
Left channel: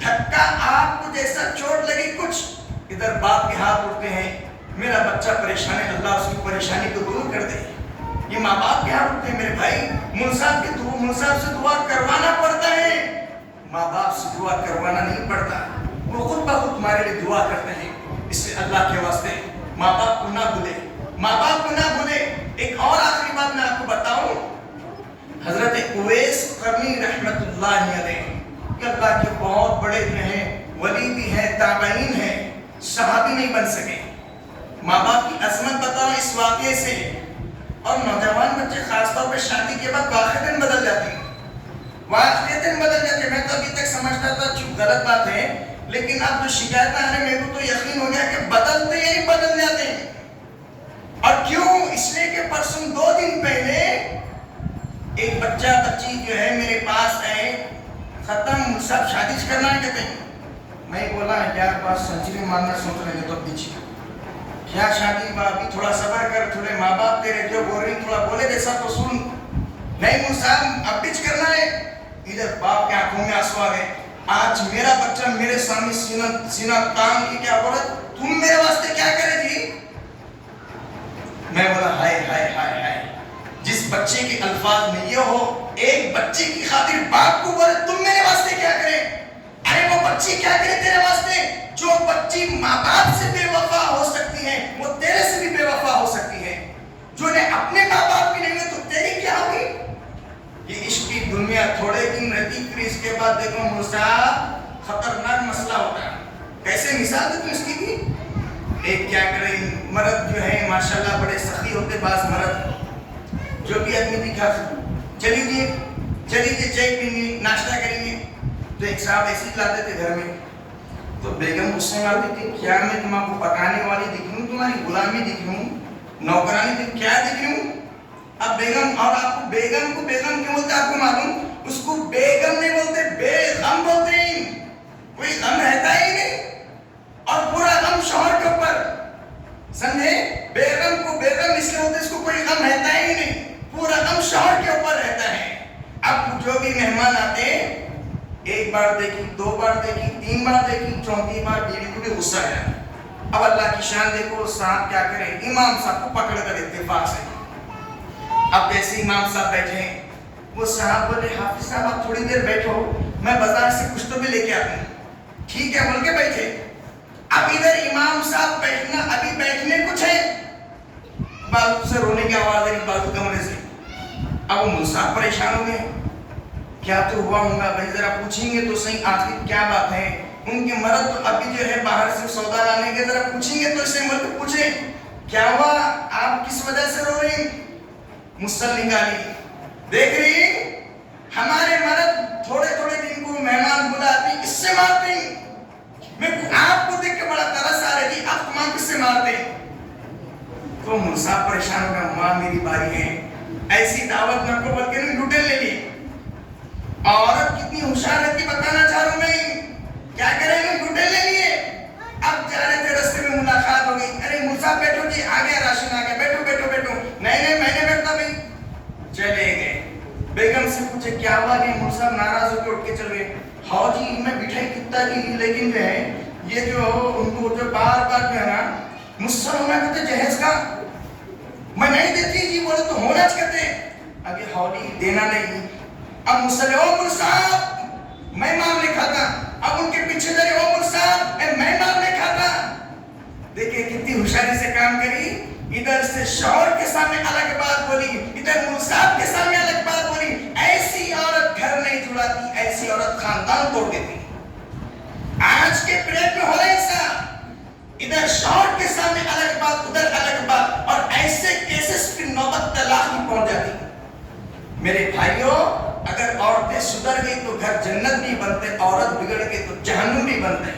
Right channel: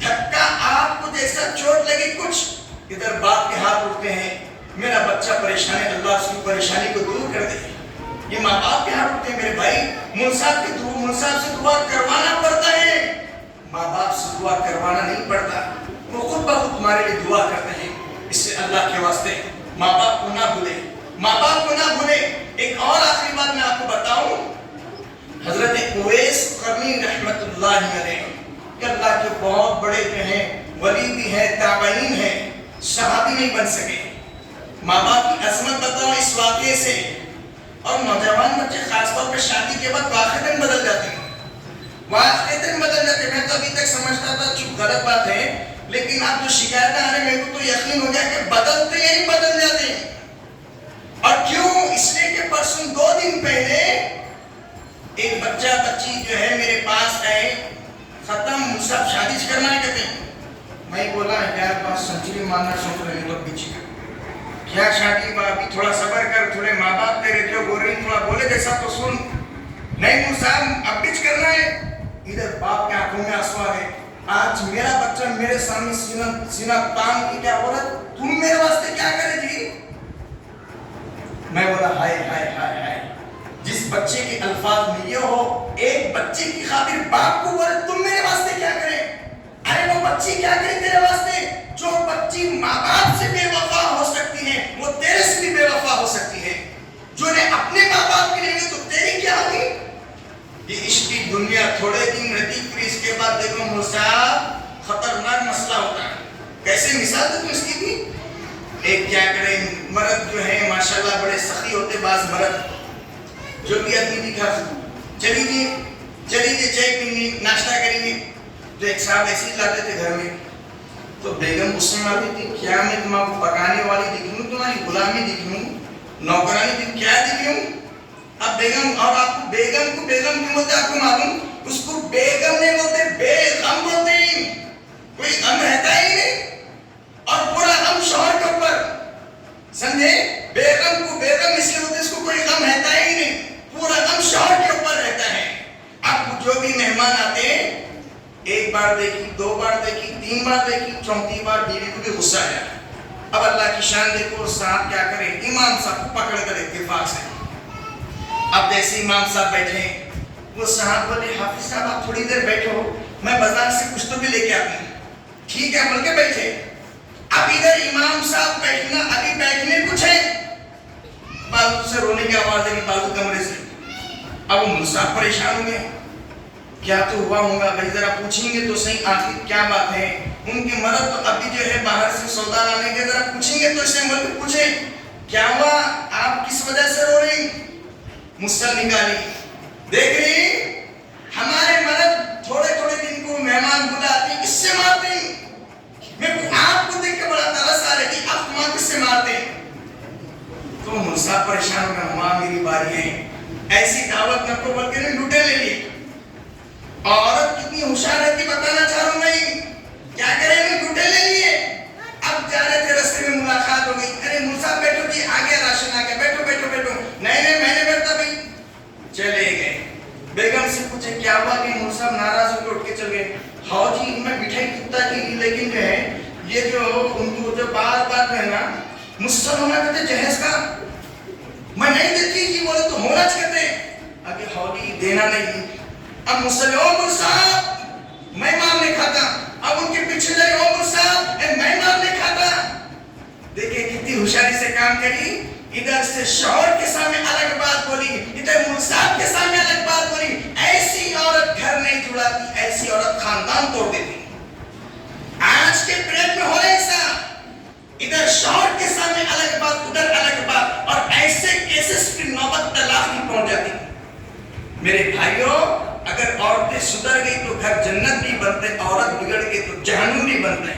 دھکا آپ کو جیسا چوٹ لگی کچھ، ادھر باپ کے ہاتھ اٹھتے ہیں میرا بچہ پریشان ہے، اللہ اس کی پریشانی کو دور کر دے. یہ ماں باپ کے ہاتھ اٹھتے ہیں. میرے بھائی منصاب سے دعا کروانا پڑتا ہے، ماں باپ سے دعا کروانا نہیں پڑتا. وہ خود بخود تمہارے لیے دعا کرتے ہیں. اس سے اللہ کے واسطے ماں باپ کو نہ بھولے، ماں باپ کو نہ بھولے. ایک اور آخری بات میں آپ کو بتاؤں، حضرت اویس قرنی رحمت اللہ علیہ کہ اللہ کے بہت بڑے جو ہیں ولی بھی ہیں، تابعین ہیں، صحابی نہیں بن سکے. ماں باپ کی عظمت بتاؤ اس واقعے سے. اور نوجوان بچے خاص طور پہ شادی کے بعد واقعتاً بدل جاتے ہیں، واقعتاً بدل جاتے ہیں. میں تو ابھی تک سمجھتا تھا چپ غلط بات ہے، لیکن اب جو شکایتیں آ رہی ہیں میرے کو تو یقین ہو گیا کہ بدلتے ہی بدل جاتے ہیں. اور کیوں؟ اس لیے کہ پرسوں 2 دن پہلے ایک بچی جو ہے میرے پاس آئے، ختم سب شادی کرنا ہے کہتے ہیں. میں بولا یار بات سنچری ماننا سوچ رہے ہیں تو پیچھے کیا شادی ابھی تھوڑا صبر کر، تھوڑے ماں باپ تیرے جو بول رہی تھوڑا بولے جیسا تو سن. نہیں صاحب اب پچ کرنا ہے. ادھر باپ کے آنکھوں میں آنسو آ گئے. آج میرا بچہ میرے سامنے سینہ تان کی کیا بولا تم میرے واسطے کیا کرے جی. میں بولا ہائے ہائے ہائے ہائے، جس بچے کے الفاظ میں یہ ہو، ایک بچے کی خاطر باپ کو بولے تم میرے واسطے کیا کرے. ارے وہ بچی کیا کرے تیرے واسطے؟ جو بچی ماں باپ سے بے وفا ہو سکتی ہے وہ تیرے سے بھی بے وفا ہو سکتی ہے. جو نے اپنے ماں باپ کی نہیں ہوئی تو تیری کیا ہوئی. یہ عشق کی دنیا تھوڑے دن رہتی، پھر اس کے بعد دیکھو مصعب خطرناک مسئلہ ہوتا ہے. کیسے مثال دے تم اس کی بھی. ایک کیا کرے مرد جو ہے ماشاءاللہ بڑے سخی ہوتے، بعض مرد جو بھی آدمی بھی کھا چلی جی چائے پینی ناشتہ کریں گے. تو ایک صاحب ایسے ہی لاتے تھے گھر میں، تو بیگم غصے میں آتی تھی کیا میں تم آپ کو پکانے والی دکھ رہی ہوں، تمہاری غلامی دکھ رہی ہوں، نوکرانی دکھ کیا دکھ رہی ہوں. اب بیگم، اور آپ کو بیگم کیوں بولتے آپ کو معلوم؟ اس کو بیگم نہیں بولتے، بے غم بولتے ہیں. کوئی غم رہتا ہی نہیں اور پورا غم شوہر کے اوپر. سمجھے؟ بیگم کو بیگم اس لیے بولتے اس کو کوئی غم رہتا ہی نہیں، پورا غم شوہر کے اوپر رہتا ہے. اب جو بھی مہمان آتے ہیں، ایک بار دیکھی، 2 بار دیکھی، 3 بار دیکھی، 4تھی بار بیوی کو بھی غصہ آیا. اب اللہ کی شان دیکھو، صاحب کیا کرے، امام صاحب کو پکڑ کر اتفاق سے. اب جیسے امام صاحب بیٹھے، وہ صاحب بولے حافظ صاحب آپ تھوڑی دیر بیٹھو، میں بازار سے کچھ تو بھی لے کے آتا ہوں. ٹھیک ہے بول کے بیٹھے. اب ادھر امام صاحب بیٹھنا، ابھی بیٹھنے کچھ ہے، بازو سے رونے کی آواز آئی بازو کمرے سے. اب وہ صاحب پریشان ہو گئے. کیا تو ہوا ہوگا بھائی، ذرا پوچھیں گے تو صحیح آخر کیا بات ہے. ان کے مرد تو ابھی جو ہے باہر سے سودا لانے کے، ذرا پوچھیں گے تو اس سے ملک پوچھیں کیا ہوا، آپ کس وجہ سے رو رہی. مسل نکالی، دیکھ رہی ہمارے مرد تھوڑے تھوڑے دن کو مہمان بلاتی، اس سے مارتے. میں آپ کو دیکھ کے بڑا ترس آ رہی تھی، آپ ماں کس سے مارتے. تو موسیٰ پریشان کا، ماں میری باری ہے. ایسی دعوت نہ کو بلکہ نے لوٹے لے لی. عورت کتنی ہوشیار ہے کہ بتانا چاہ رہا ہوں نہیں. کیا کریں گے، لوٹے لے لیے. اب جا رہے تھے، رستے میں ملاقات ہو گئی. ارے موسیٰ بیٹھو جی، آ گیا راشن آ گیا، بیٹھو بیٹھو بیٹھو. نہیں نہیں میں نے بیٹھتا بھائی. چلے گئے. بیگم سے پوچھے کیا ہوا کہ موسیٰ ناراض ہو کے اٹھ کے چل گئے. ہاں جی میں مٹھائی کتا کی، لیکن جو ہے یہ جو ان کو جو بار بار جو ہے نا مجھ سے ہونا چاہتے جہیز کا میں نہیں دیتی جی، بولے تو ہونا چاہتے. آگے ہاؤلی دینا نہیں. اب مسلم عمر صاحب میں مار نہیں کھاتا. اب ان کے پیچھے لگے عمر صاحب میں مار نہیں کھاتا. دیکھیں کتنی ہوشیاری سے کام کری. ادھر سے شوہر کے سامنے الگ بات بولی، ادھر منصاب کے سامنے الگ بات بولی. ایسی عورت گھر نہیں جڑاتی، ایسی عورت خاندان توڑ دیتی. آج کے پیریڈ میں ہو رہا ہے ایسا، ادھر شوہر کے سامنے الگ بات، ادھر الگ بات، اور ایسے کیسز کی نوبت طلاق میں پہنچ جاتی. میرے بھائیوں اگر عورتیں سدھر گئی تو گھر جنت نہیں بنتے، عورت بگڑ گئی تو جہنم نہیں بنتے.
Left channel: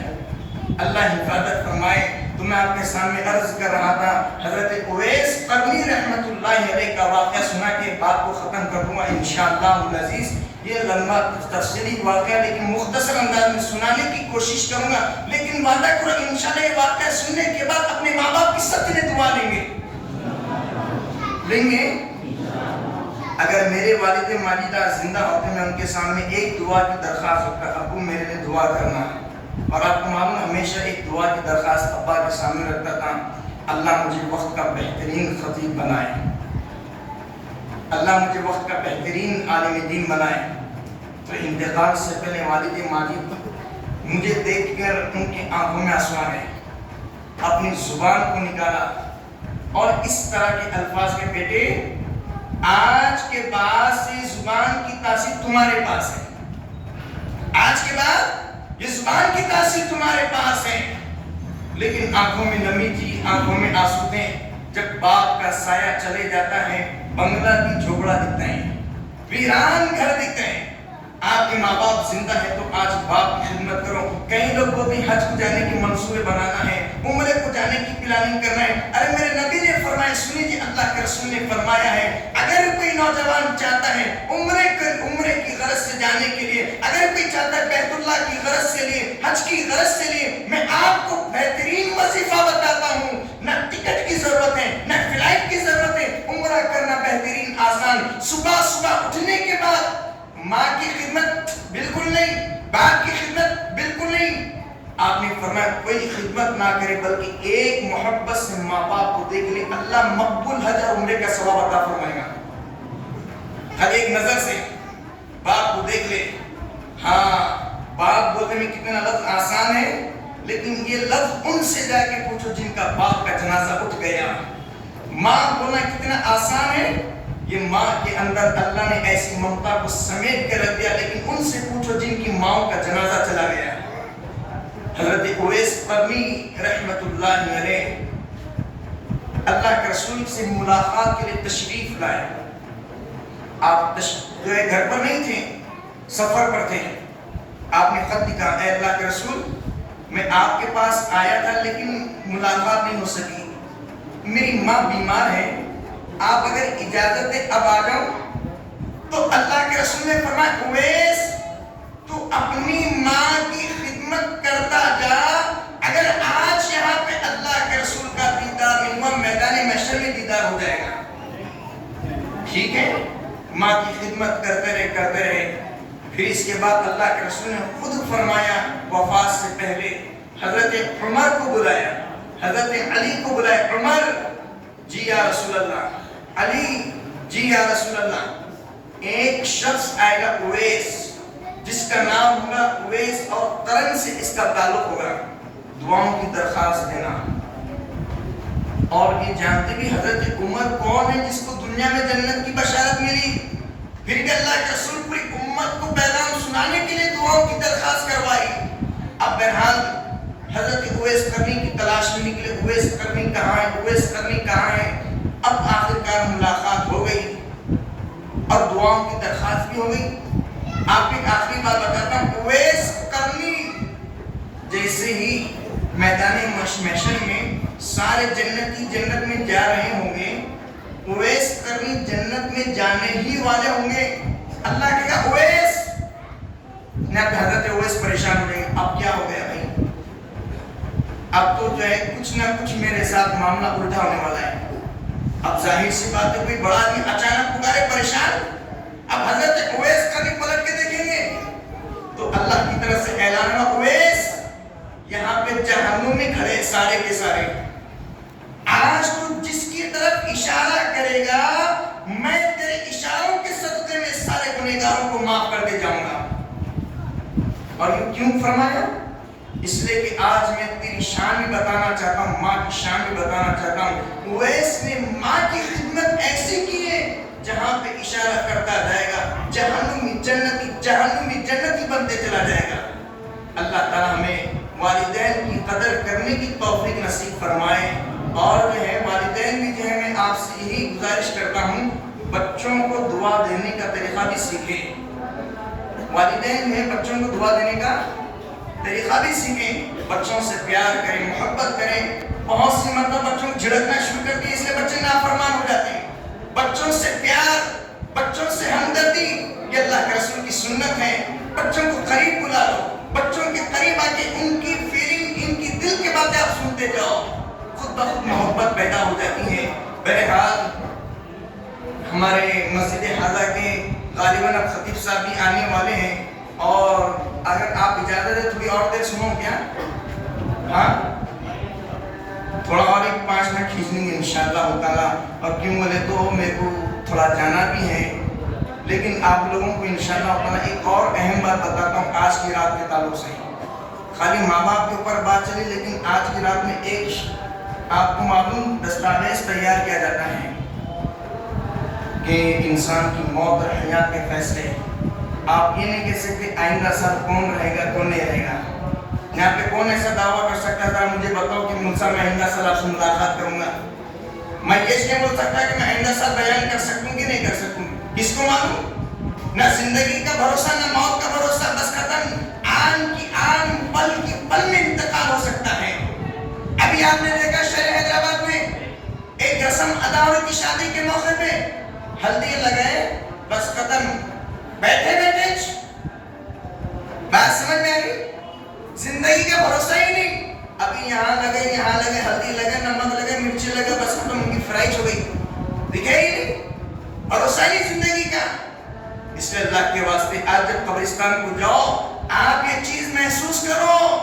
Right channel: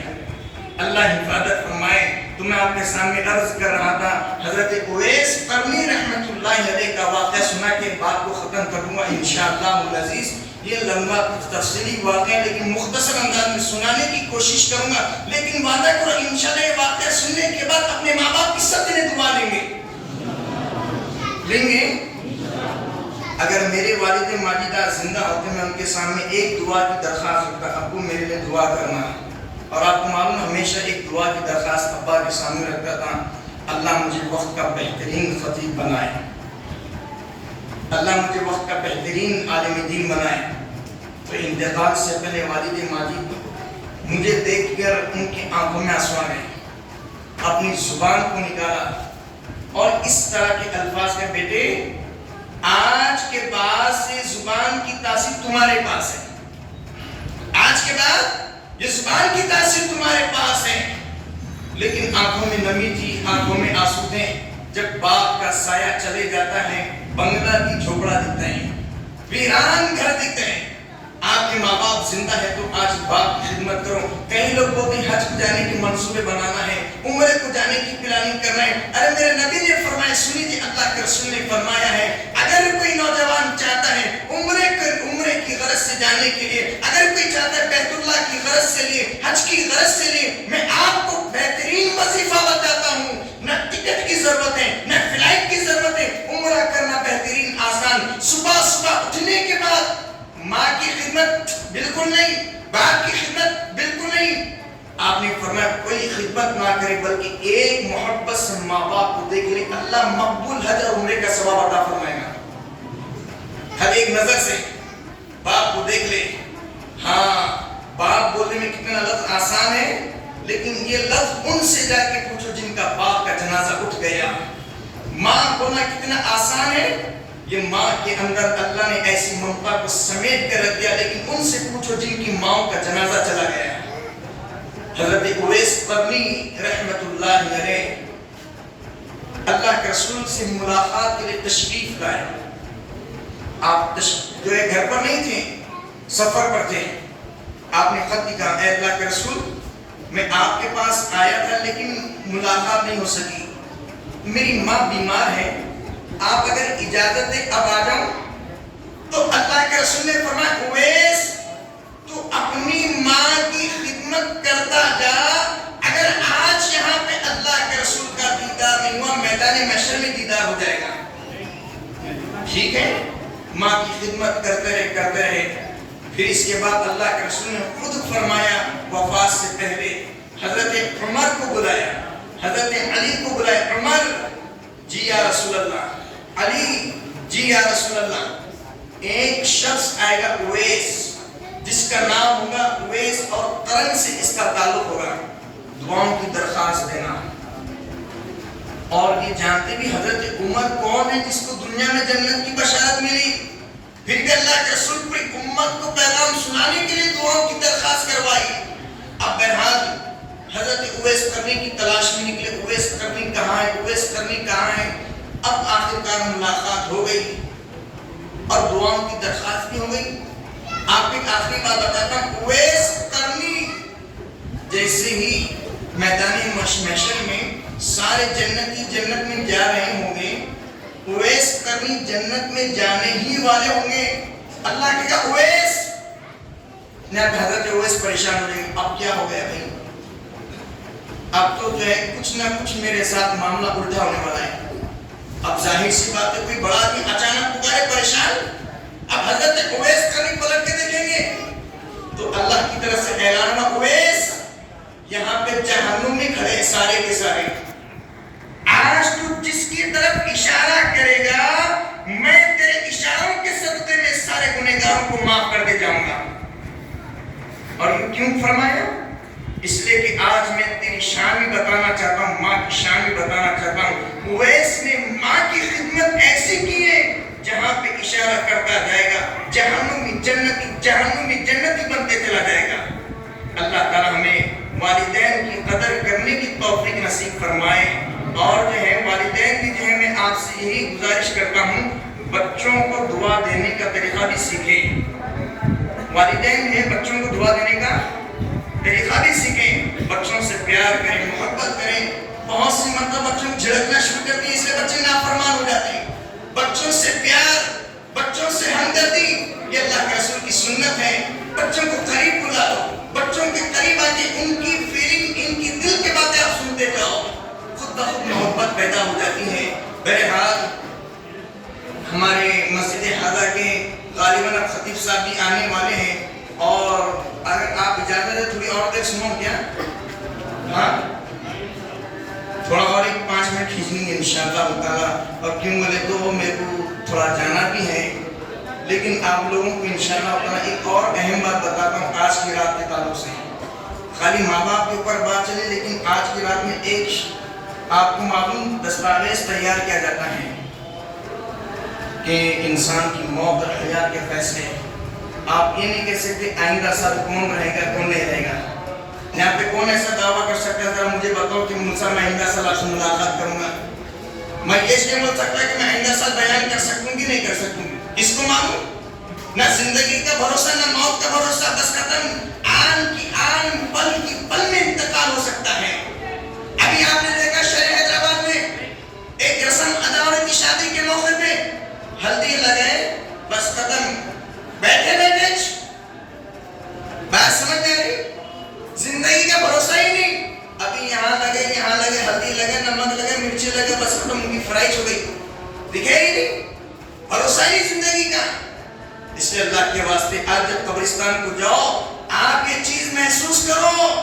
اللہ حفاظت فرمائے. تو میں آپ کے سامنے عرض کر رہا تھا، حضرت اویس قرنی رحمت اللہ علیہ کا واقعہ سنا کے بات کو ختم کر دوں گا انشاءاللہ العزیز. یہ لمبا تفصیلی واقعہ لیکن مختصر انداز میں سنانے کی کوشش کروں گا. لیکن وعدہ کرو انشاءاللہ یہ واقعہ سننے کے بعد اپنے ماں باپ کی سب دن دعا لیں گے. لیں گے. اگر میرے والد ماجدہ زندہ ہوتے میں ان کے سامنے ایک دعا کی درخواست رکھتا، ابو میرے لیے دعا کرنا. اور آپ کو معلوم ہمیشہ ایک دعا کی درخواست ابا کے سامنے رکھتا تھا، اللہ مجھے وقت کا بہترین خطیب بنائے، اللہ مجھے وقت کا بہترین عالم دین بنائے. تو انتقال سے پہلے والد ماجد مجھے دیکھ کر ان کی آنکھوں میں آنسو آ گئے، اپنی زبان کو نکالا اور اس طرح کے الفاظ کے، بیٹے آج کے بعد سے زبان کی تاثیر تمہارے پاس ہے. آج کے بعد یہ زبان کی تاثیر تمہارے پاس ہے. لیکن آنکھوں میں نمی تھی، آنکھوں میں آنسو تھے. جب باپ کا سایہ چلے جاتا ہے، بنگلہ کی جھوپڑا دکھتے ہیں، ویران گھر دکھتے ہیں. آپ کے ماں باپ زندہ ہے تو آج باپ کی خدمت کرو. کئی لوگ بولتے ہیں حج کو جانے کے منصوبے بنانا ہے، عمرے کو جانے کی پلاننگ کرنا ہے. ارے میرے نبی نے فرمایا، سنی جی اللہ کے رسول نے فرمایا ہے، اگر کوئی نوجوان چاہتا ہے عمرے کی غرض سے جانے کے لیے، اگر کوئی چاہتا ہے بیت اللہ کی غرض سے لیے، حج کی غرض سے لیے، میں آپ کو بہترین وظیفہ بتاتا ہوں. نہ ٹکٹ کی ضرورت ہے، نہ فلائٹ کی ضرورت ہے. عمرہ کرنا بہترین آسان. صبح صبح اٹھنے کے بعد ماں کی خدمت بالکل نہیں، باپ کی خدمت بالکل نہیں. آپ نے فرمایا کوئی خدمت نہ کرے بلکہ ایک محبت سے ماں باپ کو دیکھ لے، اللہ مقبول حج اور عمرے کا ثواب عطا فرمائے گا. ہر ایک نظر سے باپ کو دیکھ لے. ہاں باپ بولنے میں کتنا لفظ آسان ہے، لیکن یہ لفظ ان سے جا کے پوچھو جن کا باپ کا جنازہ اٹھ گیا. ماں بولنا کتنا آسان ہے، یہ ماں کے اندر اللہ نے ایسی ممتا کو سمیٹ کر رکھ دیا، لیکن ان سے پوچھو جن کی ماں کا جنازہ چلا گیا. حضرت اویس قرنی رحمت اللہ علیہ اللہ کے رسول سے ملاقات کے لیے تشریف لائے. آپ جو ہے گھر پر نہیں تھے، سفر پر تھے. آپ نے خط لکھا، اے اللہ کے رسول میں آپ کے پاس آیا تھا لیکن ملاقات نہیں ہو سکی، میری ماں بیمار ہے، آپ اگر اجازت دیں اب آ جاؤں. تو اللہ کے رسول نے فرمایا اویس تو اپنی ماں کی خدمت کرتا جا. اگر آج یہاں پہ اللہ کے رسول کا دیدار نہیں ہوا، میدان محشر میں دیدار ہو جائے گا. ٹھیک ہے، ماں کی خدمت کرتے رہے. پھر اس کے بعد اللہ کے رسول نے خود فرمایا وفات سے پہلے حضرت عمر کو بلایا، حضرت علی کو بلایا. عمر جی یا رسول اللہ، علی جی یا رسول اللہ. ایک شخص آئے گا اویس، جس کا نام ہوگا اویس اور قرن سے اس کا تعلق ہوگا، دعاؤں کی درخواست دینا. اور یہ جانتے بھی حضرت عمر کون ہے جس کو دنیا میں جنت کی بشارت ملی. پھر بھی اللہ کے رسول پوری امت کو پیغام سنانے کے لیے دعاؤں کی درخواست کروائی. اب بہرحال حضرت اویس قرنی کی تلاش میں نکلے. اویس قرنی کہاں ہے, اویس قرنی کہاں ہے. اب آخرکار ملاقات ہو گئی اور دعاؤں کی درخواست بھی ہو گئی. آپ ایک آخری بات بتاتا ہوں. اویس قرنی جیسے ہی میدان محشر میں سارے جنتی جنت میں جا رہے ہوں گے, اویس قرنی جنت میں جانے ہی والے ہوں گے. اللہ کہے گا اویس, نہ حضرت اویس پریشان ہو جائیں گے. اب کیا ہو گیا بھائی, اب تو جو ہے کچھ نہ کچھ میرے ساتھ معاملہ الٹا ہونے والا ہے. اب ظاہر سی بات ہے, کوئی بڑا آدمی اچانک پکارے پریشان. اب حضرت اویس قرنی پلٹ کے دیکھیں گے تو اللہ کی طرف سے اعلان ہوگا, اویس یہاں پہ جہنم میں کھڑے سارے کے سارے. آج تو جس کی طرف اشارہ کرے گا میں تیرے اشاروں کے صدقے میں سارے گنہگاروں کو معاف کر کے جاؤں گا. اور یہ کیوں فرمایا؟ اس لیے کہ آج میں تیری شان بھی بتانا چاہتا ہوں, ماں کی شان بھی بتانا چاہتا ہوں. اویس نے ماں کی خدمت ایسی کی ہے جہاں پہ اشارہ کرتا جائے گا جہنمی جنتی بنتے چلا جائے گا. اللہ تعالیٰ ہمیں والدین کی قدر کرنے کی توفیق نصیب فرمائے. اور جو ہے والدین بھی جو ہے میں آپ سے یہی گزارش کرتا ہوں, بچوں کو دعا دینے کا طریقہ بھی سیکھیں. والدین ہیں, بچوں کو دعا دینے کا طریقہ بھی سیکھیں. بچوں سے پیار کریں, محبت کریں. بہت سی مرتبہ بچوں کو جھڑکنا شروع کرتی ہے, اس لیے بچے نافرمان ہو جاتے ہیں. بچوں سے پیار, بچوں سے ہمدردی, یہ اللہ کے رسول کی سنت ہے. بچوں کو قریب بلا لو, بچوں کے قریب آ کے ان کی فیلنگ, ان کی دل کے باتیں آپ سنتے جاؤ, خود بخود محبت پیدا ہو جاتی ہے. بہرحال ہمارے مسجد حاضہ کے غالباً اب خطیب صاحب بھی آنے والے ہیں, اور اگر آپ اجازت ہے تھوڑی اور دیر سنو کیا؟ ہاں تھوڑا اور 5 منٹ کھینچ لیں گے انشاءاللہ تعالیٰ. اور کیوں بولے تو میرے کو تھوڑا جانا بھی ہے, لیکن آپ لوگوں کو انشاءاللہ تعالیٰ ایک اور اہم بات بتاتا ہوں آج کی رات کے تعلق سے. خالی ماں باپ کے اوپر بات چلے, لیکن آج کی رات میں ایک آپ کو معلوم دستاویز تیار کیا جاتا ہے کہ انسان کی موت اور حیات کے فیصلے. آپ یہ نہیں کہہ سکتے آئندہ سال کون رہے گا کون نہیں رہے گا. یہاں پہ کون ایسا دعویٰ کر سکتا ہے مجھے بتاؤ کہ موسیٰ میں آئندہ سال آپ سے ملاقات کروں گا؟ میں یہ نہیں بول سکتا کہ میں آئندہ سال بیان کر سکوں گی نہیں کر سکوں گی. کس کو معلوم؟ نہ زندگی کا بھروسہ نہ موت کا بھروسہ, بس ختم. آن کی آن, پل کی پل میں انتقال ہو سکتا ہے. ابھی آپ نے دیکھا شہر حیدرآباد میں ایک رسم ادا ہوئی تھی شادی کے موقع پہ, ہلدی لگے بس ختم, بیٹھے بیٹھے بات سمجھ میں آ رہی. زندگی کا بھروسہ ہی نہیں. ابھی یہاں لگے ہلدی لگے, نمک لگے, مرچی لگے, بس ختم, ان کی فرائض ہو گئی. دکھے ہی نہیں, بھروسہ ہی زندگی کا. اس لیے اللہ کے واسطے آج جب قبرستان کو جاؤ آپ یہ چیز محسوس کرو,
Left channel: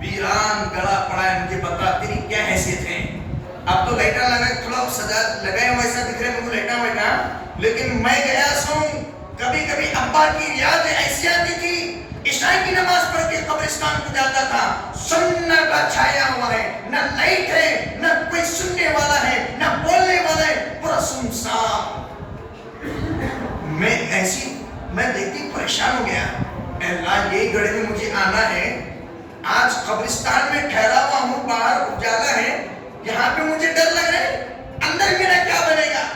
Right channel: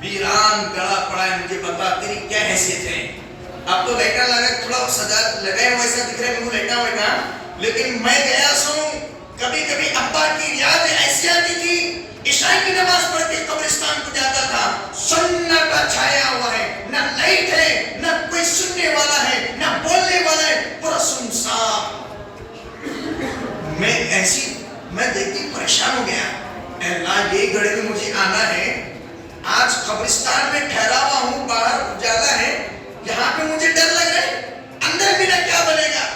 ویران گڑا پڑا ہے, مجھے بتا تیری کیا حیثیت ہے. اب تو لیٹا لگا, تھوڑا سجا لگے ویسا دکھ رہے مجھے لیٹا بیٹھا, لیکن میں گیا سوں کبھی کبھی ابا کی یاد ایسی آتی تھی. عشاء کی نماز پڑھ کے قبرستان کو جاتا تھا, سناٹا چھایا ہوا ہے, نہ لائٹ ہے, نہ کوئی سننے والا ہے, نہ بولنے والا ہے, پورا سنسان. میں دیکھتی پریشان ہو گیا, اللہ یہ گڑھے میں مجھے آنا ہے, آج قبرستان میں ٹھہرا ہوا ہوں, باہر اجالا ہے, یہاں پہ مجھے ڈر لگ رہا ہے, اندر میرا کیا بنے گا.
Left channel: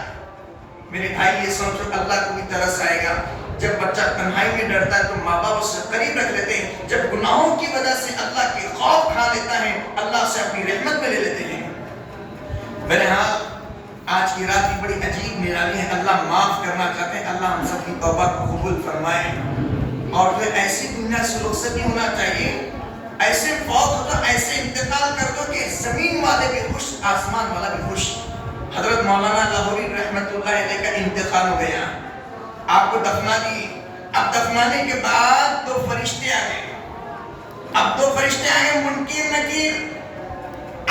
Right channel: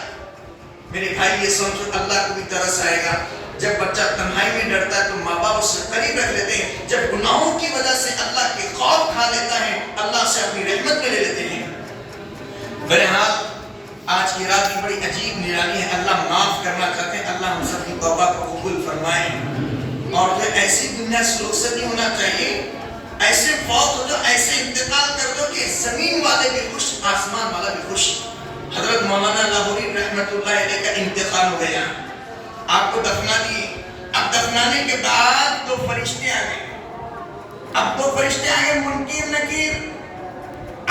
میرے بھائی یہ سمجھو اللہ کو بھی ترس آئے گا. جب بچہ تنہائی میں ڈرتا ہے تو ماں باپ اس سے قریب رکھ لیتے ہیں. جب گناہوں کی وجہ سے اللہ کے خوف کھا لیتا ہے, اللہ سے اپنی رحمت میں لے لیتے ہیں. بہرحال آج کی رات کی بڑی عجیب نرالی ہے. اللہ معاف کرنا چاہتے ہیں, اللہ ہم سب کی توبہ کو قبول فرمائے. اور پھر ایسی دنیا سے رخصت نہیں ہونا چاہیے, ایسے فوت ہو جاؤ, ایسے انتقال کر دو کہ زمین والے بھی خوش, آسمان والا بھی خوش. حضرت مولانا لاہوری رحمت اللہ علیہ کا انتقال ہو گیا, آپ کو دفنا دی. اب دفنانے کے بعد 2 فرشتے آ گئے. اب 2 فرشتے آ گئے, منکر نکیر,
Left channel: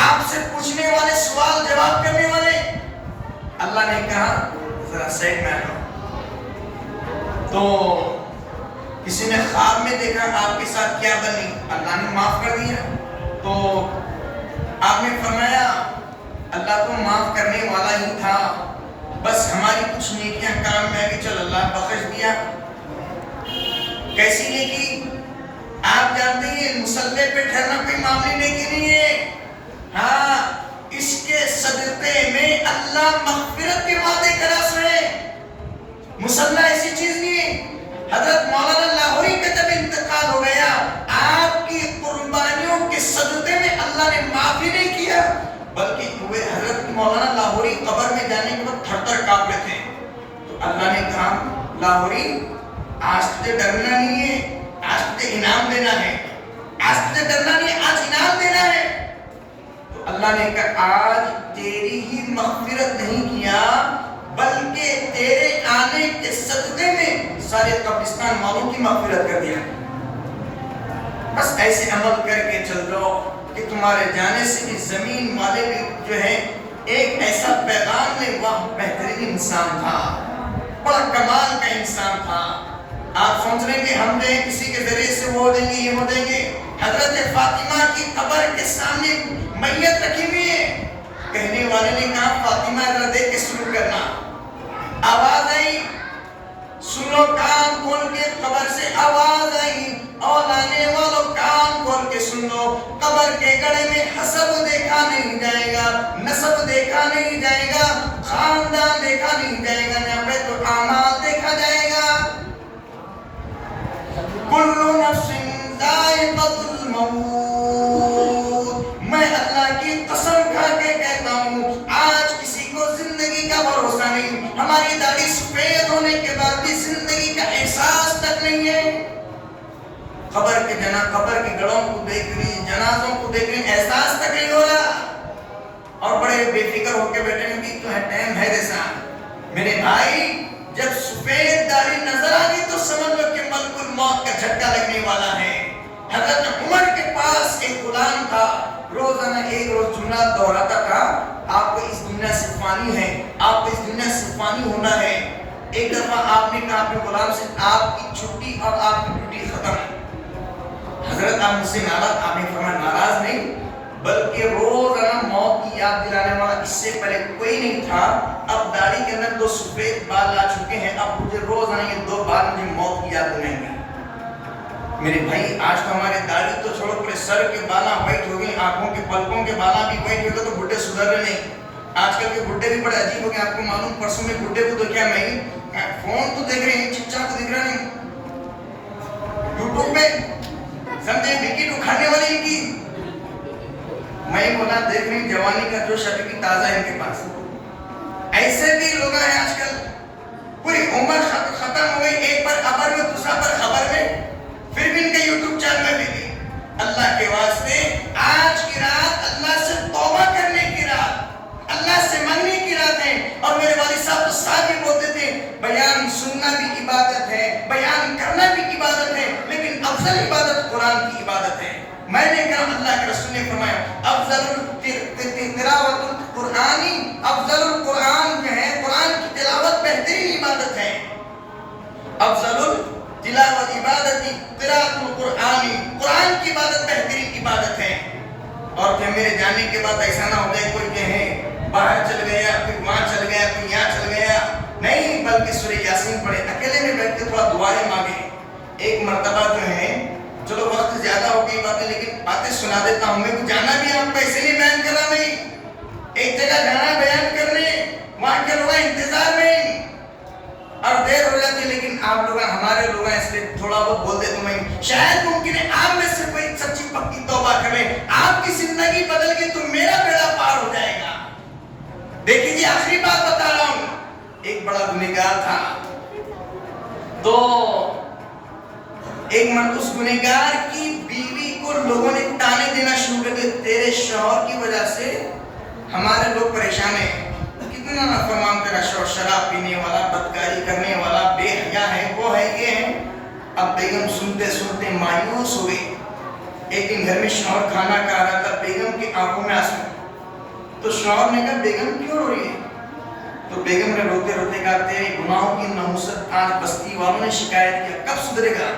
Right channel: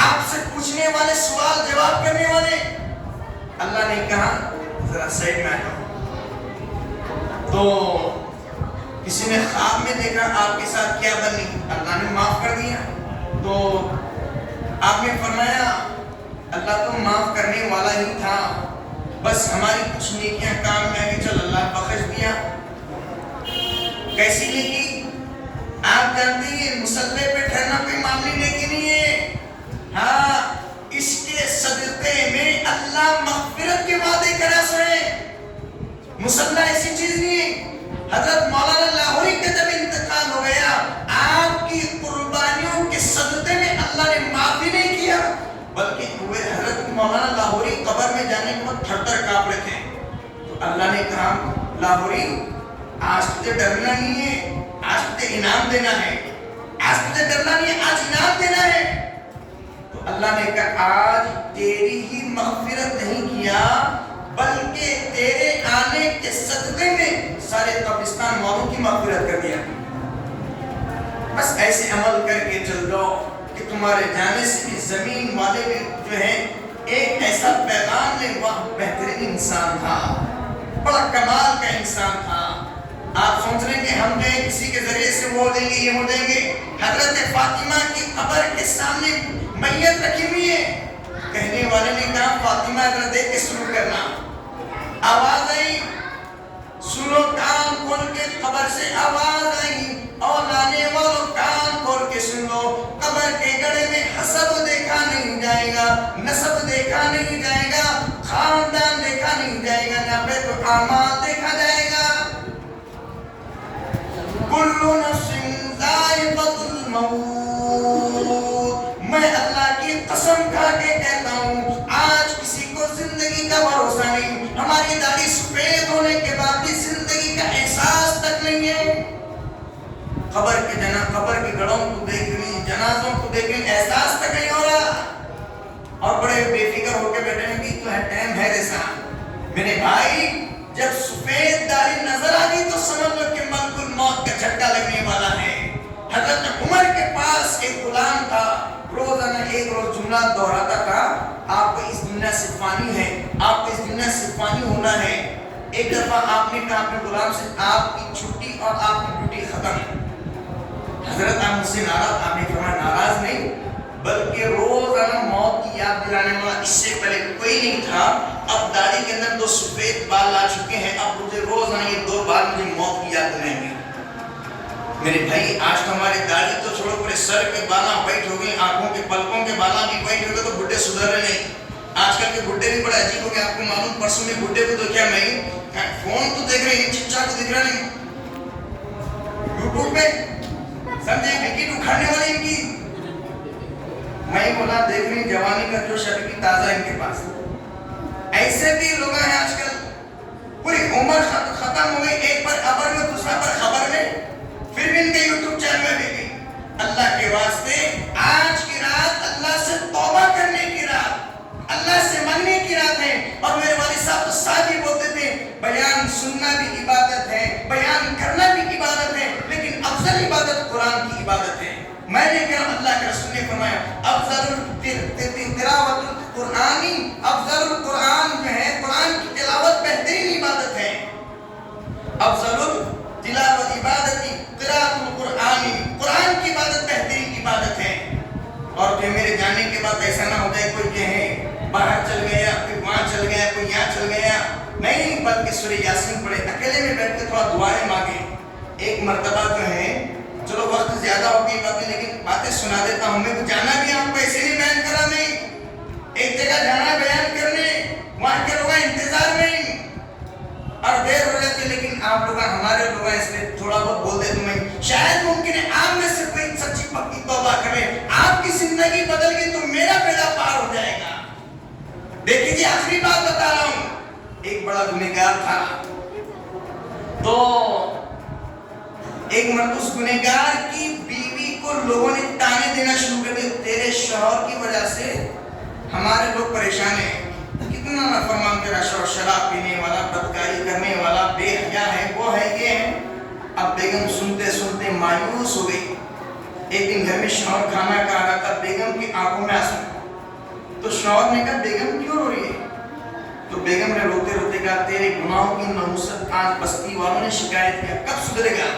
آپ سے پوچھنے والے, سوال جواب کرنے والے. اللہ نے کہا ذرا سائڈ میں آؤ. تو کسی نے خواب میں دیکھا آپ کے ساتھ کیا بنی, اللہ نے معاف کر دیا. تو آپ نے فرمایا اللہ تو معاف کرنے والا ہی تھا, بس ہماری کچھ نیکیاں کام میں آگے چل اللہ بخش دیا. کیسی نیکی؟ آپ جانتے ہیں مصلی پہ ٹھہرنا کوئی معاملی نیکی نہیں ہے. ہاں اس کے صدقے میں اللہ مغفرت کے وعدے کرا سوئے. مصلی ایسی چیز نہیں ہے. حضرت مولانا لاہوری کا جب انتقال ہو گیا آپ کی قربانیوں کے صدقے میں اللہ نے معافی نہیں کیا بلکہ ہوئے حضرت مولانا لاہوری قبر میں جانے کے بعد تھر تھر کانپ رہے تھے. تو اللہ نے کہا لاہوری آج تجھے ڈرنا نہیں ہے, آج تجھے انعام دینا ہے. آج تجھے ڈرنا نہیں ہے, آج انعام دینا ہے. تو اللہ نے کہا آج تیری ہی مغفرت نہیں کیا بلکہ تیرے آنے کے صدقے میں سارے قبرستان والوں کی مغفرت کر دیا. بس ایسے عمل کر کے چل رہو کہ تمہارے جانے سے بھی زمین والے بھی جو ہے ایک ایسا پیغام میں وہ بہترین انسان تھا, بڑا کمال کا انسان تھا. آپ سوچ رہے ہیں کہ ہم نے کسی کے ذریعے سے وہ دیں گے یہ ہو دیں گے. حضرت فاطمہ کی قبر کے سامنے میت رکھی ہوئی ہے. کہنے والے نے کہا فاطمہ ذرا دیکھ کے شروع کرنا. آواز آئی, سنو کان کھول کے, قبر سے آواز آئی اور لانے والوں کان کھول کے سن لو. قبر کے گڑھے میں حسب دیکھا نہیں جائے گا, نسب دیکھا نہیں جائے گا, خاندان دیکھا نہیں جائے گا, یہاں پہ تو اعمال دیکھا جائے گا. کل نفس ذائقۃ الموت. میں اللہ کی قسم کھا کے کہتا ہوں آج کسی کو زندگی کا بھروسہ نہیں. ہماری داڑھی سفید ہونے کے بعد بھی زندگی کا احساس تک نہیں ہے. قبر کے گڑھوں کو دیکھ لی, جنازوں کو دیکھ لی, احساس تک نہیں ہو رہا اور بڑے بے فکر ہو کے بیٹھے ہیں کہ تو ہے ٹائم ہے جیسا. میرے بھائی جب سفید داڑھی نظر آ گئی تو سمجھ لو کہ ملک الموت کا جھٹکا لگنے والا ہے. حضرت عمر کے پاس ایک غلام تھا, روزانہ ایک روز جملہ دہراتا تھا آپ کو اس دنیا سے فانی ہے, آپ کو اس دنیا سے فانی ہونا ہے. ایک دفعہ آپ نے کہا اپنے غلام سے آپ کی چھٹی اور آپ کی ڈیوٹی ختم. حضرت آپ مجھ سے ناراض, آپ نے فرمایا ناراض نہیں بلکہ روزانہ موت کی یاد دلانے والا اس سے پہلے کوئی نہیں تھا. اب داڑھی کے اندر 2 سفید بال آ چکے ہیں, اب مجھے روزانہ یہ 2 بال مجھے موت کی یاد دلائیں گے. میرے بھائی آج تو ہمارے داڑھی تو چھوڑو, پورے سر کے بالاں وائٹ ہو گئے, آنکھوں کے پلکوں کے بالاں بھی وائٹ ہو گئے, تو بڈھے سدھر رہے نہیں. آج کل کے بڈھے بھی بڑے عجیب ہو گئے. آپ کو معلوم پرسوں میں بڈھے کو دیکھا میں فون تو دیکھ رہے ہیں, چچا کو دیکھ رہا نہیں, یوٹیوب پہ سمجھے وکٹ اکھاڑنے والے ان کی. میں بولا دیکھ رہے ہیں جوانی کا جوش ابھی بھی تازہ ہے ان کے پاس. ایسے بھی لوگ ہیں آج کل پوری عمر ختم ہو گئی, ایک پر خبر میں دوسرا پر خبر میں, پھر بھی ان کے یوٹیوب چینل میں بھی گئی. اللہ کے واسطے آج کی رات اللہ سے توبہ کرنے کی رات, اللہ سے مانگنے کی رات ہے. اور میرے والد صاحب تو ساتھ ہی بولتے تھے بیان سننا بھی عبادت ہے, بیان کرنا بھی عبادت ہے, لیکن افضل عبادت قرآن کی عبادت ہے. میں نے کہا اللہ کے رسول نے فرمایا افضل تلاوت القرآنی, افضل القرآن جو ہے قرآن کی تلاوت بہترین عبادت ہے. افضل تلاوت عبادتی قراءۃ القرآن, قرآن کی عبادت بہترین عبادت ہے. اور پھر میرے جانے کے بعد ایسا نہ ہو جائے کوئی کہے باہر چل گیا, کوئی وہاں چل گیا, کوئی یہاں چل گیا. نہیں, بلکہ سورہ یاسین پڑھے, اکیلے میں بیٹھ کے تھوڑا دعائیں مانگے. ایک مرتبہ جو ہے چلو وقت زیادہ ہو گئی باتیں, لیکن باتیں سنا دیتا ہوں. میں جانا بھی آپ کو ایسے نہیں بیان کرا, نہیں ایک جگہ جانا بیان کرنے, وہاں کے لوگ انتظار میں اور دیر ہو جاتی, لیکن آپ لوگ ہمارے لوگ اس لیے تھوڑا بہت بول دے تمہیں. شاید ممکن ہے آپ میں سے کوئی سچی پکی توبہ کرے, آپ کی زندگی بدل گئی تو میرا بیڑا پار ہو جائے گا. دیکھیں جی آخری بات بتا رہا ہوں. ایک بڑا گنہگار تھا, تو ایک مرد اس گنہگار کی بیوی کو لوگوں نے تانے دینا شروع کر دیا, تیرے شوہر کی وجہ سے ہمارے لوگ پریشان ہیں, کتنا نافرمان تیرا شوہر, شراب پینے والا, بدکاری کرنے والا, بے حیا ہے, وہ ہے, یہ ہے. اب بیگم سنتے سنتے مایوس ہو گئی. ایک دن گھر میں شوہر کھانا کھا رہا تھا, بیگم کی آنکھوں میں آنسو. تو شوہر نے کہا بیگم کیوں رو رہی ہے؟ تو بیگم نے روتے روتے کہا تیرے گناہوں کی نحوست آج بستی والوں نے شکایت کیا, کب سدھرے گا؟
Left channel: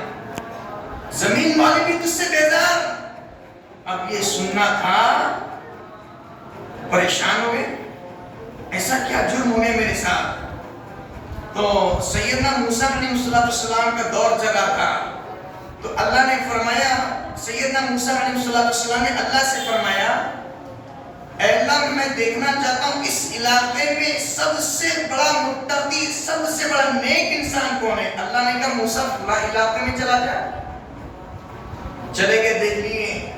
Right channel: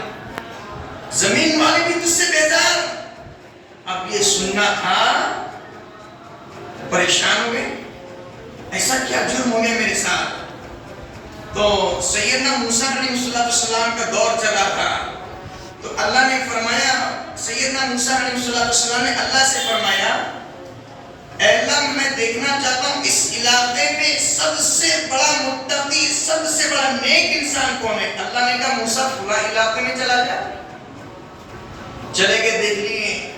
زمین والے بھی تجھ سے بیزار. اب یہ سننا تھا, پریشان ہو گئے, ایسا کیا جرم ہو گیا میرے ساتھ. تو سیدنا موسیٰ علیہ السلام کا دور چلا تھا، تو اللہ نے فرمایا، سیدنا موسیٰ علیہ السلام نے اللہ سے فرمایا، اے اللہ میں دیکھنا چاہتا ہوں اس علاقے میں سب سے بڑا متقی، سب سے بڑا نیک انسان کون ہے؟ اللہ نے کہا موسیٰ فلاں علاقے میں چلا جا۔ چلے گئے، دیکھ لیے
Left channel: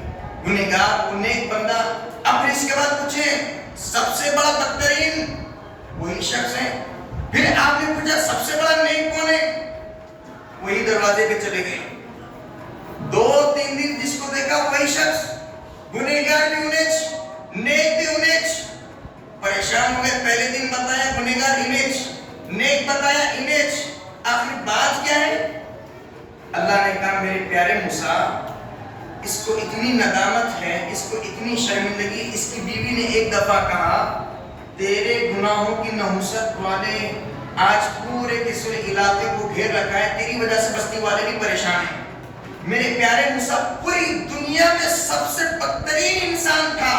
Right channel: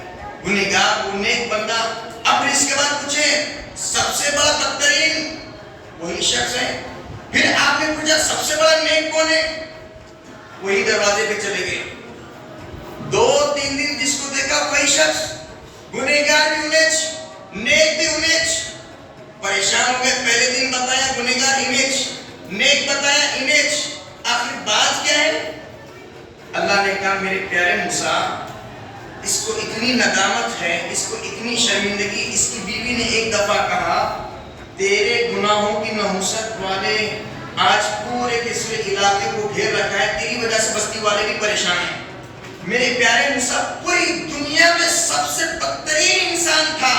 گنہگار وہ نیک بندہ، اب اس کے بعد پوچھے سب سے بڑا بدترین وہی شخص ہے۔ پھر آپ نے پوچھا سب سے بڑا نیک کون ہے؟ وہی دروازے پہ چلے گئے، 2-3 دن جس کو دیکھا وہی شخص، گنہگار بھی انیچ، نیک بھی انیچ، پریشان ہو گئے۔ پہلے دن بتایا گنہگار انیچ، نیک بتایا انیچ، آخر بات کیا ہے؟ اللہ نے کہا میرے پیارے موسیٰ، اس کو اتنی ندامت ہے، اس کو اتنی شرمندگی، اس کی بیوی نے ایک دفعہ کہا تیرے گناہوں کی نحوست والے آج پورے کسوے علاقے کو گھیر رکھا ہے، تیری وجہ سے بستی والے بھی پریشان ہیں۔ میرے پیارے موسیٰ پوری دنیا میں سب سے بدترین انسان تھا،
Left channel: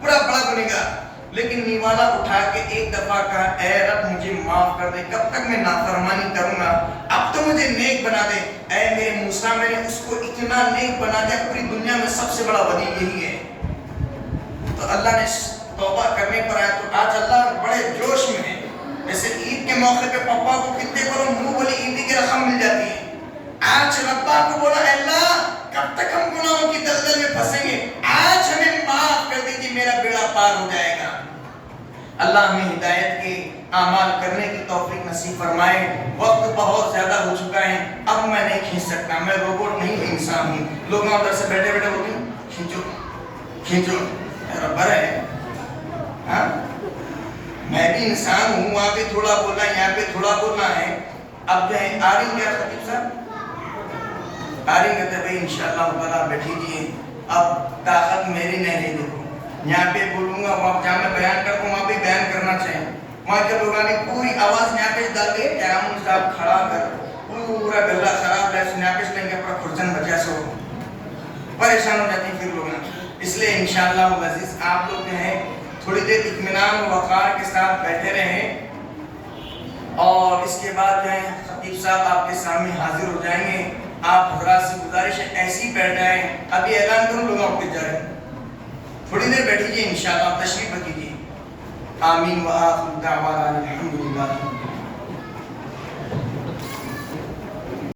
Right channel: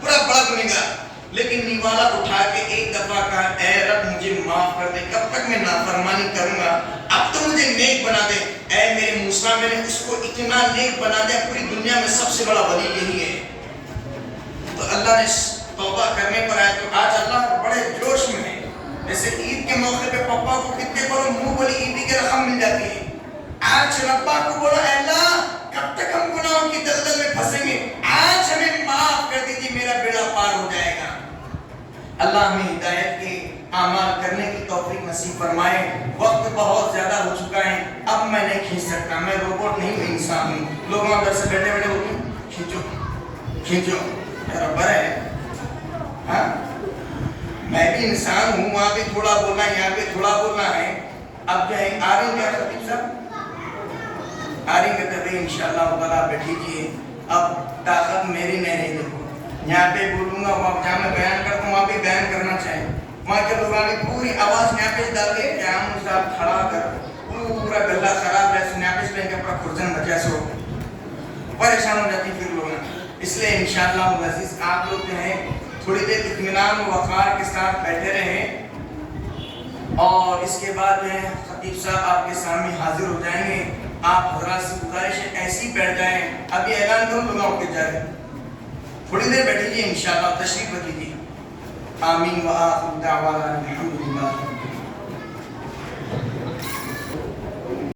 پورا بڑا گنہگار، لیکن نیوالا اٹھا کے ایک دفعہ کہا اے رب مجھے معاف کر دے، کب تک میں نافرمانی کروں گا، اب تو مجھے نیک بنا دے۔ اے میرے موسیٰ میں نے اس کو اتنا نیک بنا دیا، پوری دنیا میں سب سے بڑا ولی یہی ہے۔ تو اللہ نے توبہ کرنے پر آیا، تو آج اللہ بڑے جوش میں ہے، جیسے عید کے موقع پہ پپا کو کتنے کرو منہ بولی عیدی کی رقم مل جاتی ہے۔ آج ربا کو بولا اے اللہ کب تک ہم گناہوں کی دلدل میں پھنسیں گے، آج ہمیں معاف کر دیجیے، میرا بیڑا پار ہو جائے گا۔ اللہ ہمیں ہدایت کے اعمال کرنے کی توفیق نصیب فرمائے۔ وقت بہت زیادہ ہو چکا ہے، اب میں نہیں کھینچ سکتا، میں روبوٹ نہیں انسان ہوں۔ لوگ ادھر سے بیٹھے بیٹھے ہوتے ہیں کھینچو کھینچو، ربر ہے، ہاں میں بھی انسان ہوں، وہاں بھی تھوڑا بولنا ہے، یہاں بھی تھوڑا بولنا ہے۔ اب جو ہے آ رہی ہیں کیا خطیب صاحب؟ آ رہی کہتے ہیں انشاءاللہ تعالیٰ بیٹھی جی، اب طاقت میری نہیں ہے، دیکھو یہاں پہ بولوں گا، وہاں جہاں میں بیان کرتا ہوں وہاں پہ بیان کرنا چاہیے، وہاں کے لوگوں نے پوری آواز یہاں پہ ڈال کے قیام صاحب کھڑا کر پورا گلا خراب ہے، یہاں پہ لیں گے اپنا خرچن بچہ سو پریشان ہو جاتی پھر لوگ، اس لیے انشاءاللہ عزیز آپ لوگ جو ہیں تھوڑی دیر اطمینان و وقار کے ساتھ بیٹھے رہیں، اور اس کے بعد جو ہے خطیب صاحب آپ کے سامنے حاضر ہو جائیں گے۔ آپ حضرات سے گزارش ہے ایسی بیٹھ جائیں، ابھی اعلان کروں لوگوں کو جائے، تھوڑی دیر بیٹھیے انشاءاللہ، تشریف رکھیے۔ آمین و آخر دعوانا الحمدللہ۔